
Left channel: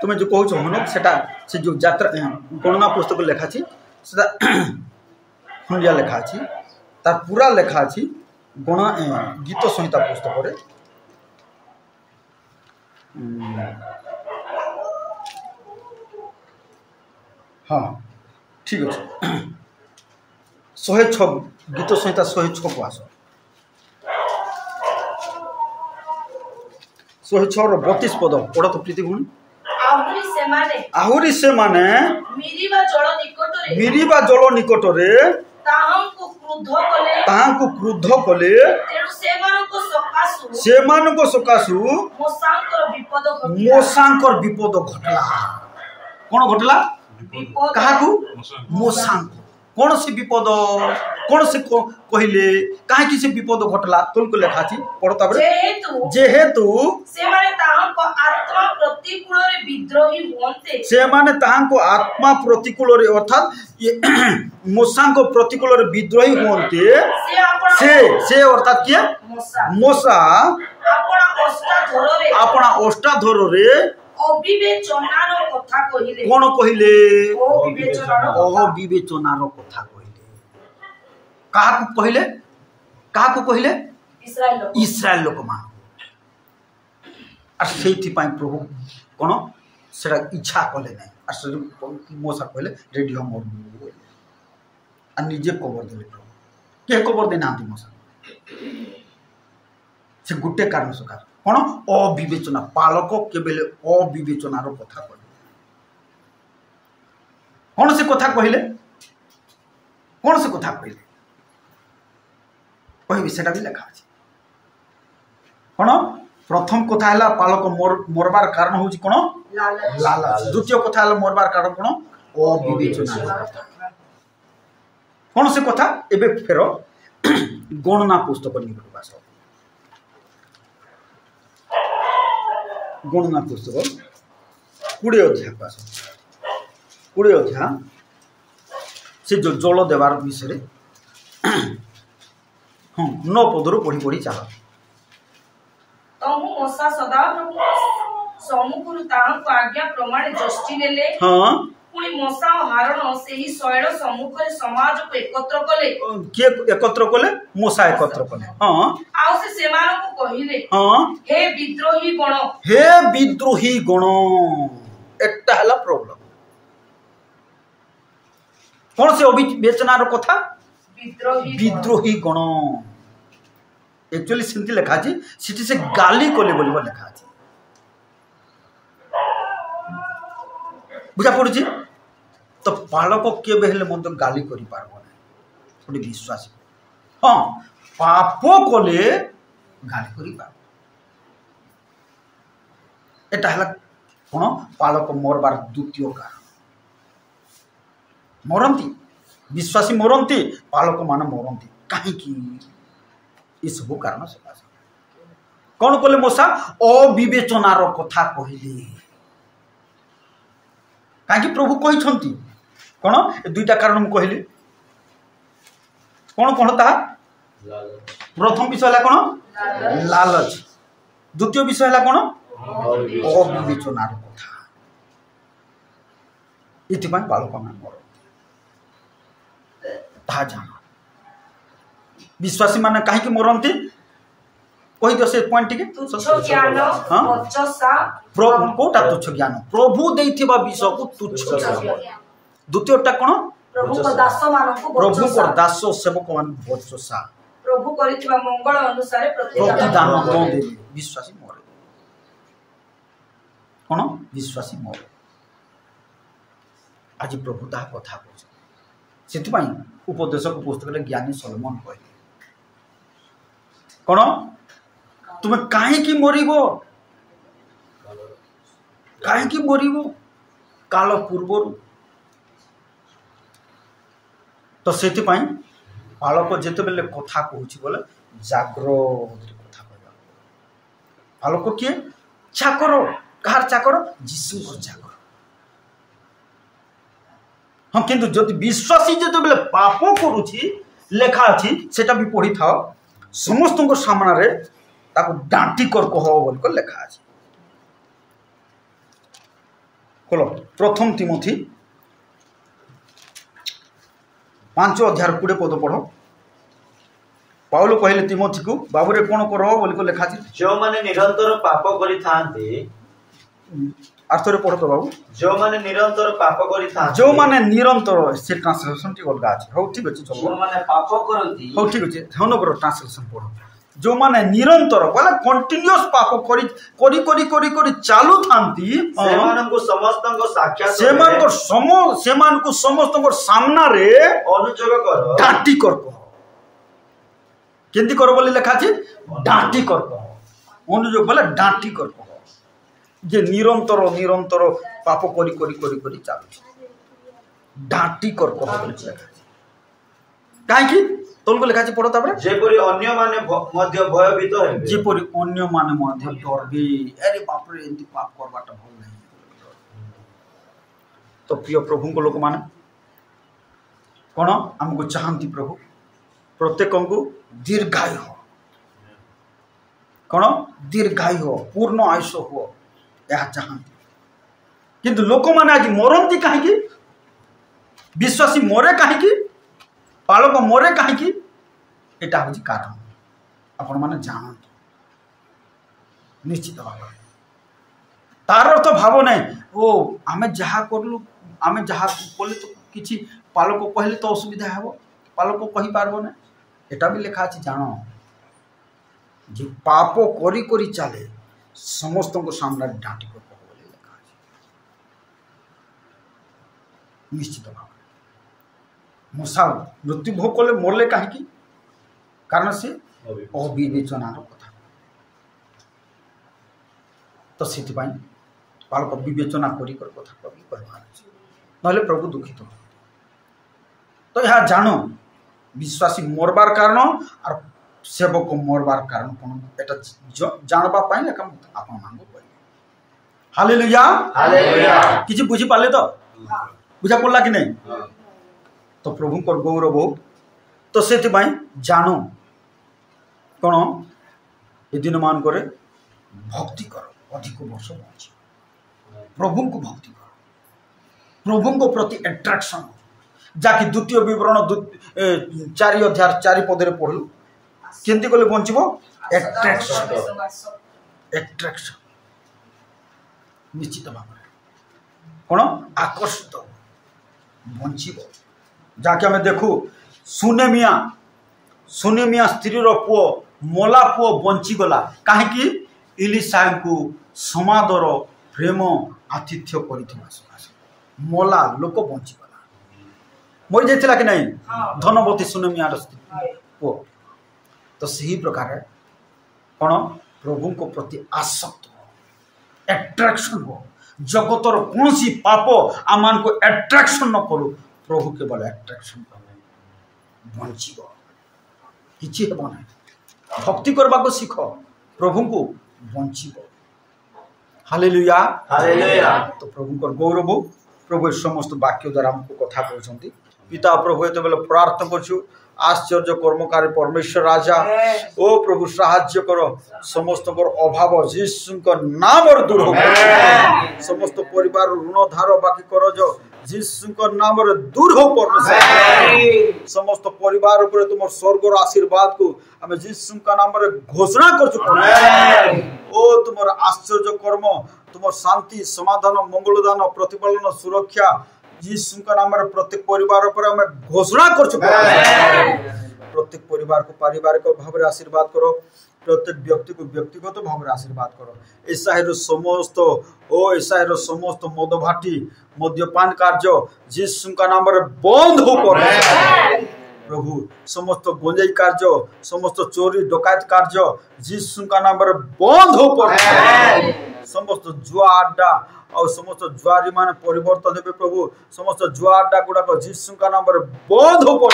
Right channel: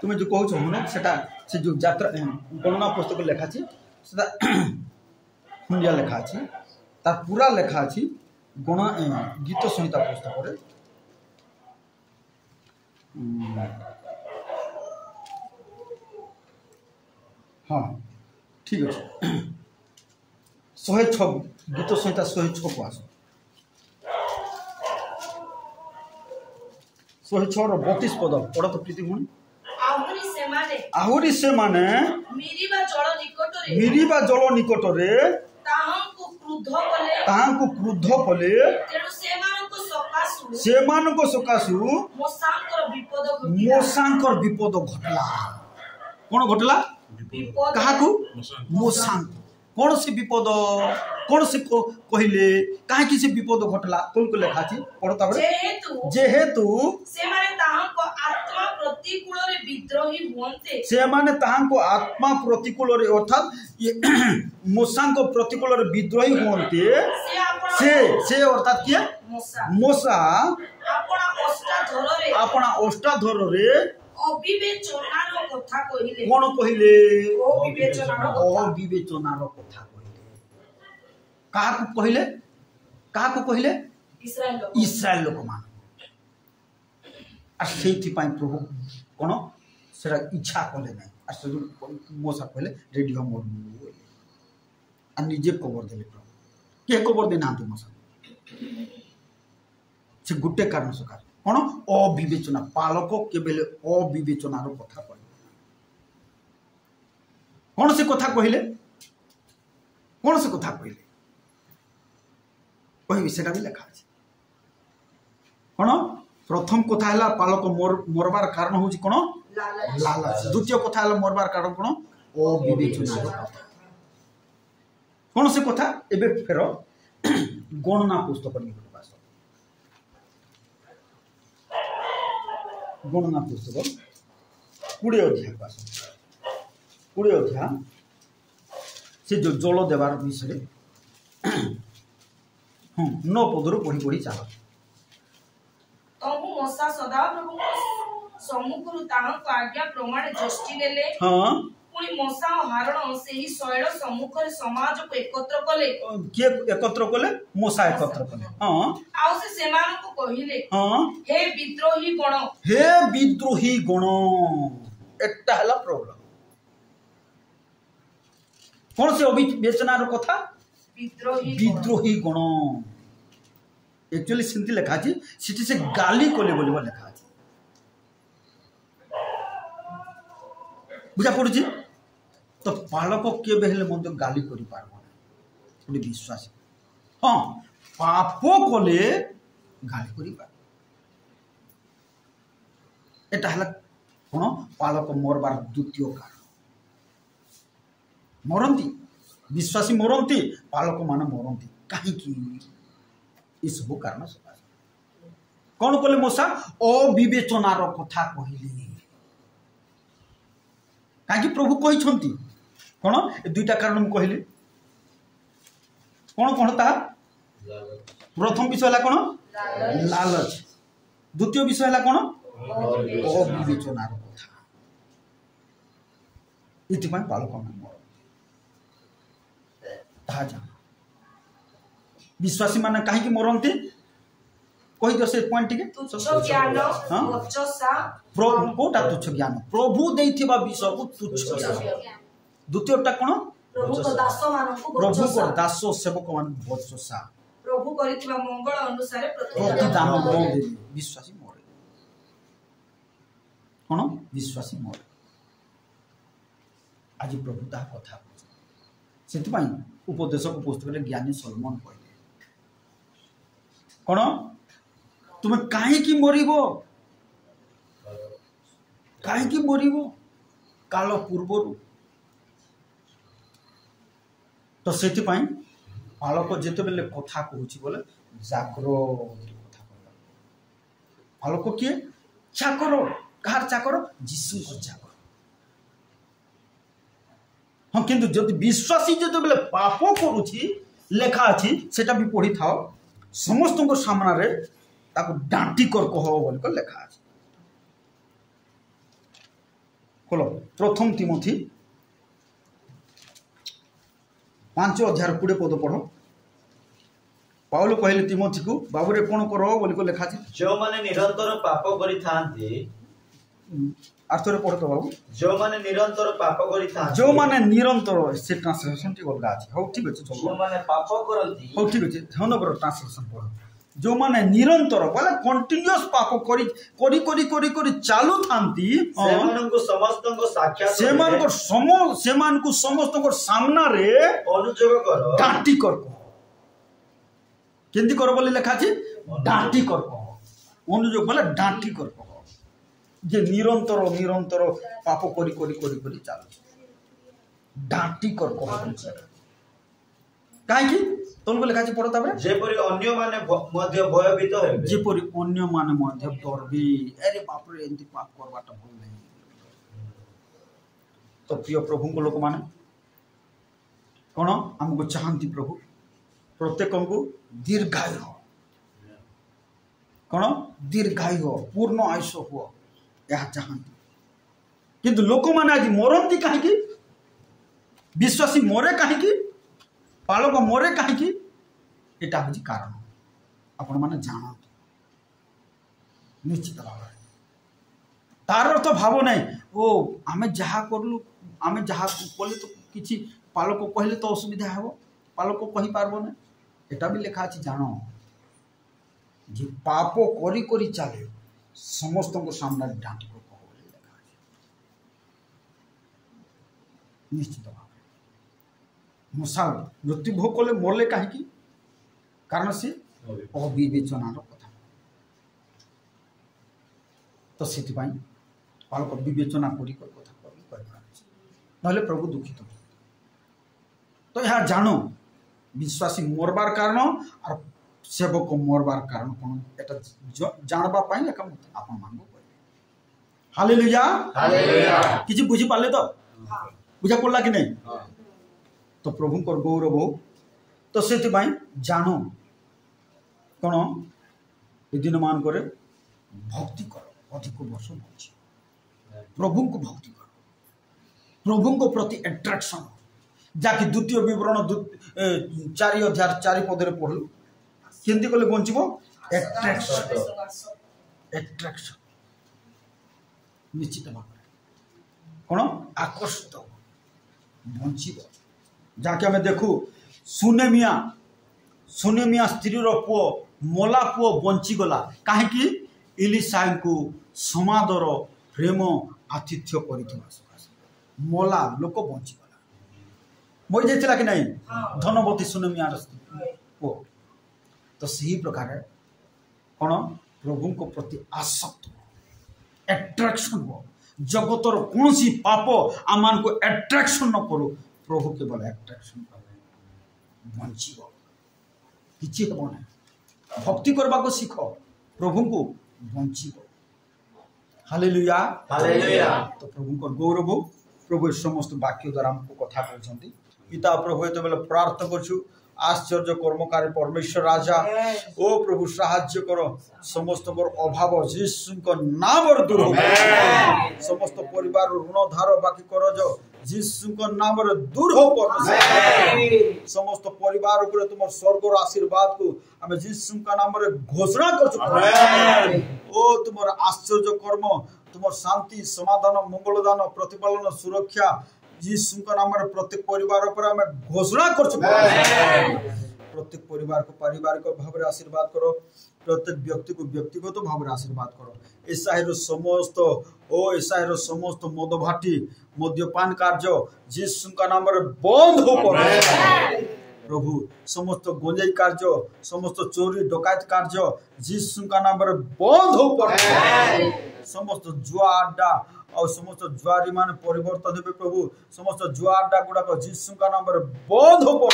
तुम्हें जो कहो हनक से जो यात्रा गणना पुस्तक लेखा हुंडिया लेखा तार पूरा लेखा गणा गीत संहिता पुस्तक हाँ ठीक अच्छे 106 गीत संहिता 106 को आस 106 32 पद पढ़ तो प्रीति भूमि आहुरी से माने मिरिबा जल निकटरे ताहांको क्रुद्ध कले सेमानको सकाशु मोसांकर विपद घटला कौन घटला कहा मोसांक कौन से विपद कौन से कहले कहीं से विपद घटला तुल को लेखा पढ़ता जेहेतु आत्मा प्रतिकूल अर्थात मूसा प्रतिकूल विद्रोही हुए से अर्थात किए मूसा अपना ओष्ठाधर कौन कहले अविवेचनार कथा कहले क्या कहले इस्राएल लोक मान से प्रभु कौन से इच्छा कले ना मूसा कहले रेडी हम निजे कबर देले प्रभु किए कबर देना मूसा से गोटे कारण सकाश कौन अविवेचना पालक केबेले अविवेचनार कथा कहले कौन से कथा कहले कौन से कथा कहले कह सेटा भी लेखा अच्छे कौन प्रथम कथा है पालक मरबार कारण हूँ कौन लालच द्वितीय कथा है मरबार कारण कौन अविवेचना कौन से कथा एबे फेर गणना पुस्तक निकट आस गणना पुस्तक 20 अध्याय को आस 20 अध्याय से जो जल देवार विषय हाँ 9 पदरू पढ़ी पढ़ी चल मूसा सदा प्रभु सम्मुखरु ताहांको आज्ञा प्रमाण जष्टि नेले हाँ पुणी मूसा और हारून सेही शैल सम्मुखरे समाज को एकत्र कले के एकत्र कले मूसा एकत्र कले हाँ आउ से सेमानको कहिले हाँ हे विद्रोही गण एटा हला प्रॉब्लम कौन से अविवेचनार कथा विद्रोही गण एक्चुअली सेमती लेखा अच्छे सिटी से गाली कले बोलिबो लेखा अच्छे बुझा पड़ुची तो बालक केबे हेले मत गाली करि पारबो ना गोटे विश्वासी हाँ पाप कले ଗାଳି କରିପାର। ଏଟା ହେଲା କ'ଣ ପାଳକ ମରବାର ଦ୍ୱିତୀୟ କାରଣ। ମରନ୍ତି, ବିଶ୍ୱାସୀ ମରନ୍ତି, ପାଳକମାନେ ମରନ୍ତି କାହିଁକି? ଏସବୁ କାରଣ ସକାଶେ। କ'ଣ କଲେ ମୂଷା? ଅବିବେଚନାର କଥା କହିଲେ। କାହିଁକି ପ୍ରଭୁ କହିଛନ୍ତି କ'ଣ? ଏ ଦୁଇଟା କାରଣ ମୁଁ କହିଲି। କ'ଣ କ'ଣ ତାହା? ପ୍ରଥମ ବିଷୟ ହେଲା କ'ଣ? ଲାଲଚ। ଦ୍ୱିତୀୟ ବିଷୟ ହେଲା କ'ଣ? ଅବିବେଚନାର କଥା। ଏଥିପାଇଁ ବାଳକମାନେ ମରନ୍ତି, ତାହା ଜାଣ। ବିଶ୍ୱାସୀ ମାନେ କାହିଁକି ମରନ୍ତି କହିଦିଅ ସେ ପଏଣ୍ଟ ଟିକେ। କୋଉଟା ତୁଚ୍ଛ ଜ୍ଞାନ? ପ୍ରଭୁ ଦେଇଥିବା ବିଷୟକୁ ତୁଚ୍ଛ ଜ୍ଞାନ। ଦ୍ୱିତୀୟଟା କ'ଣ? ପ୍ରଭୁଙ୍କ ଦାସ ସେବକ ମାନେ ବଚସା। ପ୍ରଭୁ କରିଥିବା ମଙ୍ଗଳ ଅନୁସାରେ ପ୍ରତିଦାନ ନ ଦେଲେ ବିଶ୍ୱାସୀ ମରେ। କ'ଣ? ବିଶ୍ୱାସୀ ମରେ। ଆଜି ପ୍ରଭୁ ତାହା କଥା କହୁଛନ୍ତି। ସେଥିପାଇଁ ଉପଦେଶକ ପୁସ୍ତକରେ ଜ୍ଞାନୀ ସଲୋମନ କହିଲେ କ'ଣ? ତୁମେ କାହିଁକି ମରିବ? କାହିଁକି ମରିବ? କାଳ ପୂର୍ବରୁ। ତ ସେଥିପାଇଁ ବାଳକ ଯେତେବେଳେ କଥା କହୁଛି ବୋଲେ ଜାଗ୍ରତରେ କଥା କହିବା। ବାଳକ କିଏ? ଚାକର। କାହାର ଚାକର? ଯୀଶୁଙ୍କର ଚାକର। ହଁ, କିନ୍ତୁ ଯଦି ବିଶ୍ୱାସୀ ଯେତେବେଳେ ପାପ କରୁଛି, ଲେଖା ଅଛି ସେଟା ବି ପଢ଼ିଥାଅ, ସମସ୍ତଙ୍କ ସାମ୍ନାରେ ତାକୁ ଡାଣ୍ଟି କର କହ ବୋଲି ଲେଖା ଅଛି। ଖୋଲ ପ୍ରଥମ ତିମୋଥୀ 5:20 ପଦ ପଢ଼। ପାଉଲ କହିଲେ ତିମୋଥୀକୁ, ବାବୁରେ କ'ଣ କର ବୋଲି ଲେଖା ଅଛି? ଯେଉଁମାନେ ନିରନ୍ତର ପାପ କରିଥାନ୍ତି। ଆର୍ଥରେ ପଢ଼ ତ ବାବୁ। ଯେଉଁମାନେ ନିରନ୍ତର ପାପ କରିଥାନ୍ତି। ଯେଉଁମାନେ ନିରନ୍ତର, ସେ ଟ୍ରାନ୍ସଲେସନଟି ଅଲଗା ଅଛି। ହଉ ଠିକ୍ ଅଛି, ଯେଉଁମାନେ ପାପ କରନ୍ତି। ହଉ ଠିକ୍ ଅଛି, ହନଗର ଟ୍ରାନ୍ସଲେସନ ପଢ଼। ଯେଉଁମାନେ ନିରନ୍ତର ବୋଲେ କଣ୍ଟିନ୍ୟୁଅସ୍ ପାପ କରି କରି କରି କରି କରି ଚାଲୁଥାନ୍ତି, ସେମାନଙ୍କୁ ସମସ୍ତଙ୍କ ସାକ୍ଷାତ ସେମାନଙ୍କୁ ସମସ୍ତଙ୍କ ସାମ୍ନାରେ ଅନୁଯୋଗ କର, ଡାଣ୍ଟି କର କହ। କେମିତି କର ବୋଲି ଲେଖା ଅଛି? ଡାଣ୍ଟି କର କହ। ଅନୁଯୋଗ ବୋଲେ ଡାଣ୍ଟି କର କହ। ଯେ ନିରନ୍ତର ନିରନ୍ତର ପାପ କରି କରି କରି କରି ଚାଲୁଛି, ଡାଣ୍ଟି କର କହ ବୋଲି ଲେଖା ଅଛି। କାହିଁକି? ତଳକୁ ଲେଖା ଅଛି, ପଢ଼ ତାପରେ। ଯେପରି ଅନ୍ୟମାନେ ମଧ୍ୟ ଭୟଭୀତ ହେବେ। ଯେପରି ଅନ୍ୟମାନେ ମଧ୍ୟ ଡରବେ। ଆରେ ବାପରେ, ଏମିତି ପାପ କରବାଟା ଭଲ ନାହିଁ। ତ ପ୍ରିୟ ପ୍ରଭୁଙ୍କ ଲୋକମାନେ କ'ଣ ଆମକୁ ଚାହାନ୍ତି? ପ୍ରଭୁ ପ୍ରତ୍ୟେକଙ୍କୁ ଦୀର୍ଘାୟୁ, କ'ଣ ଦୀର୍ଘାୟୁ, ପୂର୍ଣ୍ଣ ଆୟୁଷ ହୁଅ, ଏହା ଚାହାନ୍ତି। କିନ୍ତୁ ଲୋକମାନେ ଆଜି ମରନ୍ତି କାହିଁକି? ବିଶ୍ୱାସୀ ମରେ କାହିଁକି? ପାଳକ ମରେ କାହିଁକି? ଏଟା ହେଉଛି କାରଣ। ଆପଣମାନେ ଜାଣନ୍ତୁ ନିଶ୍ଚିତ ଭାବରେ। ତାର ଅର୍ଥ ଭାବ ନାହିଁ ଓ ଆମେ ଯାହା କଲୁ, ଆମେ ଯାହା କଲେ ତ କିଛି ପାଳକ କହିଲେ ତ ଅସୁବିଧା ହେବ, ପାଳକ କହିପାରିବ ନାହିଁ। ଏଟା ବି ଲେଖା ଅଛି, ଜାଣ ଯେ ପାପ କରି କରି ଚାଲେ ସମସ୍ତଙ୍କ ସାମ୍ନାରେ ଡାଣ୍ଟି କର ବୋଲି ଲେଖା ଅଛି। ନିଶ୍ଚିତ ଭାବରେ ମୂଷା ମୃତ୍ୟୁଭୋଗ କଲେ ମରଲେ କାହିଁକି? କାରଣ ସେ ଅବିବେଚନାର କଥା। ତ ସେଥିପାଇଁ ବାଳକ ବିବେଚନା କରି କଥା କହିବାର ଅଛି, ନହେଲେ ପ୍ରଭୁ ଦୁଃଖିତ। ତ ଏହା ଜାଣ, ବିଶ୍ୱାସୀ ମରବାର କାରଣ আর ସେବକ ମରବାର କାରଣ କ'ଣ, এটা ଜାଣବା ପାଇଁ ଆପଣମାନଙ୍କୁ କହିବି। ହାଲେଲୁୟା, କିଛି ବୁଝିପାରିଲେ ତ? ବୁଝା ପଡ଼ିଲା କି ନାହିଁ? ତ ପ୍ରଭୁଙ୍କର ଗୌରବ। ତ ସେଥିପାଇଁ ଜାଣ କ'ଣ, ଏ ଦିନମାନଙ୍କରେ ଭକ୍ତି କର, ଅଧିକ ବର୍ଷ ବଞ୍ଚ, ପ୍ରଭୁଙ୍କୁ ଭକ୍ତି କର, ପ୍ରଭୁଙ୍କ ପ୍ରତି ଆଟ୍ରାକ୍ସନ, ଯାହାକି ଦ୍ୱିତୀୟ ବିବରଣ 4:4 ପଢ଼ିଲୁ। କେମିତି କଲେ ବଞ୍ଚିବ? ଆଟ୍ରାକ୍ସନ ନିଶ୍ଚିତ ଭାବରେ କ'ଣ ଆକର୍ଷିତ ବଞ୍ଚିବ। ଯାହାକି ଆମେ ଦେଖୁ ସୁନେମିଆ ସ୍ତ୍ରୀର ପୁଅ, ମଲା ପୁଅ ବଞ୍ଚିଗଲା କାହିଁକି? ଇଲିଶାଙ୍କୁ ସମାଦର ପ୍ରେମ ଆତିଥ୍ୟ କରିଥିବା ସକାଶେ ମଲା ଲୋକ ବଞ୍ଚିଗଲା। ମରିଯାଇଥିଲା କି ନାହିଁ ଧନବତୀ ସୁନେମିଆର ପୁଅ। ତ ସେହି ପ୍ରକାର कौन प्रभु को प्रति आसक्त एट्राक्शन हो जगतर कौन सी पाप आम मान को एट्राक्शन न करू प्रभु केवल एट्राक्शन बंचब किसी हेब ना भक्ति करने को शिख प्रभु को बंचब हालेलुया हालेलुया। तो प्रभु को गौरव प्रभु समस्त वाक्य द्वारा हमको कथा कहते पिता प्रभु ये बेले प्रार्थना करछु आश्चर्य कर्मकारी परमेश्वर राजा ओ प्रभु साहाय्य कर समस्त अभाव जीशु नाम दूर हो समस्त परिवार ऋण धार बाकी कर जो जीशु नाम दूर हो परमेश्वर समस्त परिवार ऊपर तुम स्वर्ग आशीर्वाद को आम जीशु का नाम घोषणा कर ओ तुम आश्चर्य कर्म तुम शांति समाधान मंगलदान प्रतिपालन सुरक्षा जीशु का नाम प्रत्येक परिवार पर आम घोषणा कर प्रत्येक परिवार को पारिवारिक भाव में आशीर्वाद करो प्रत्येक व्यक्ति को व्यक्तिगत भाव में आशीर्वाद करो एसाईर समस्त एसाईर समस्त मदभाटी मद्यपान कार्य जीशु का नाम बंद हो प्रभु समस्त गंजाई कार्य समस्त चोरी डकैत कार्य जीशु का नाम बंद हो समस्त जुआ अड्डा और समस्त जुआरी मान परिवर्तन हे प्रभु समस्त जुआ अड्डा गुड़ाक जीशु का नाम बंद हो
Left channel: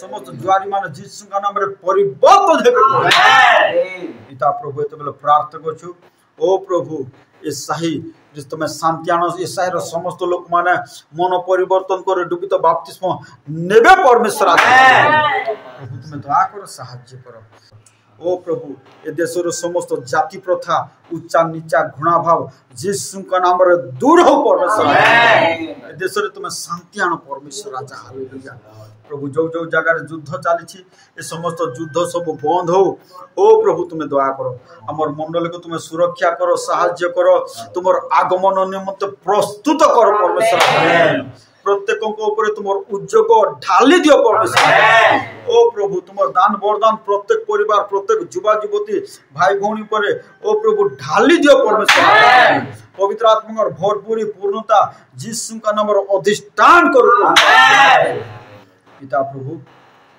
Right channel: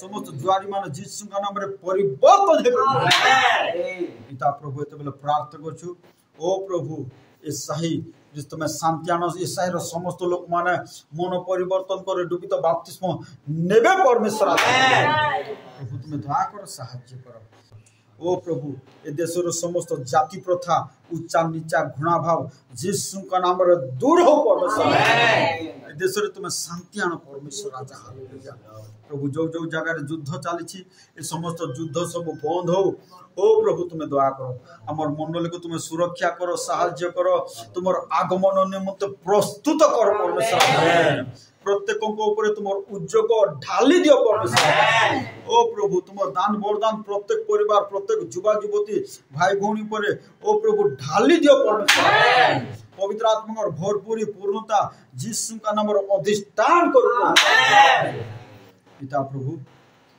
समस्त जुआरी मान जीशु का नाम परिवर्तन हे पिता प्रभु ये बेले प्रार्थना करछु ओ प्रभु ए सही तुम शांति आन ए साहिर समस्त लोक माने मन परिवर्तन कर डुबित बाप्तिस्म नेबे परमेश्वर प्रभु तुम दया कर साहाय्य कर ओ प्रभु ए देशर समस्त जाति प्रथा उच्चा नीचा घृणा भाव जीशु का नाम दूर हो परमेश्वर ए देश तुम शांति आन परमेश्वर राजा हालेलुया प्रभु जो जो जगह युद्ध चली ए समस्त युद्ध सब बंद हो ओ प्रभु तुम्हें दया करो आमर मंडल को तुम्हें सुरक्षा करो साहाय्य करो तुम आगमन निमित्त प्रस्तुत कर परमेश्वर प्रत्येक तुम उद्योग ढाली दियो परमेश्वर ओ प्रभु तुम दान वरदान प्रत्येक परिवार प्रत्येक युवा युवती भाई भौणी पर ओ प्रभु ढाली दियो परमेश्वर पवित्र आत्मा भरपूरी पूर्णता जीशु का नाम अधिष्ठान करो पिता प्रभु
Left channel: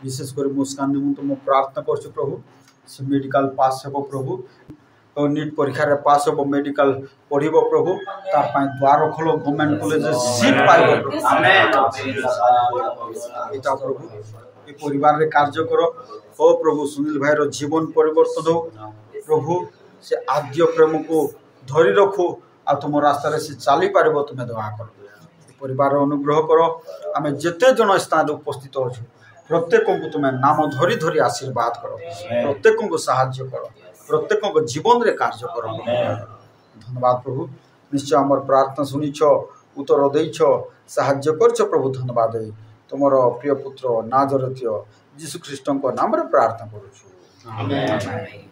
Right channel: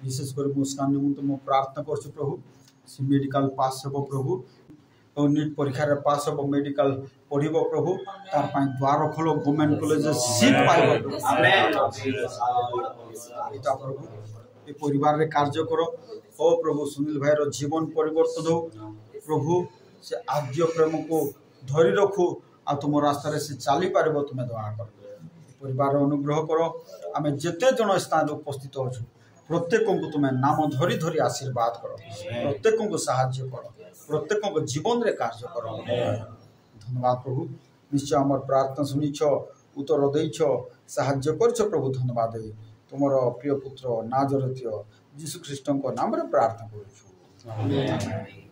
विशेष कर मुस्कान निमित्त मो प्रार्थना कर प्रभु से मेडिकल पास हे प्रभु और नीट परीक्षा रे पास हो मेडिकल पढ़िबो प्रभु तार पाए द्वार खोलो गवर्नमेंट कॉलेज सीट पाइबो पिता प्रभु ए परिवार रे कार्य करो ओ प्रभु सुनील भाई रो जीवन परिवर्तन हो प्रभु से आद्य प्रेम को धरी रखो आ तुम रास्ता रे से चली पारिबो तुम दया कर परिवार अनुग्रह करो आम जेते जन स्थान उपस्थित हो प्रत्येक को तुम नाम धरी धरी आशीर्वाद करो प्रत्येक को साहाय्य करो प्रत्येक को जीवन रे कार्य करो धन्यवाद प्रभु निश्चय आमर प्रार्थना शुनिछ उत्तर देछ साहाय्य करछ प्रभु धन्यवाद तुम प्रिय पुत्र नाजरेय यीशु ख्रीष्ट नाम रे प्रार्थना करूछु आमेन।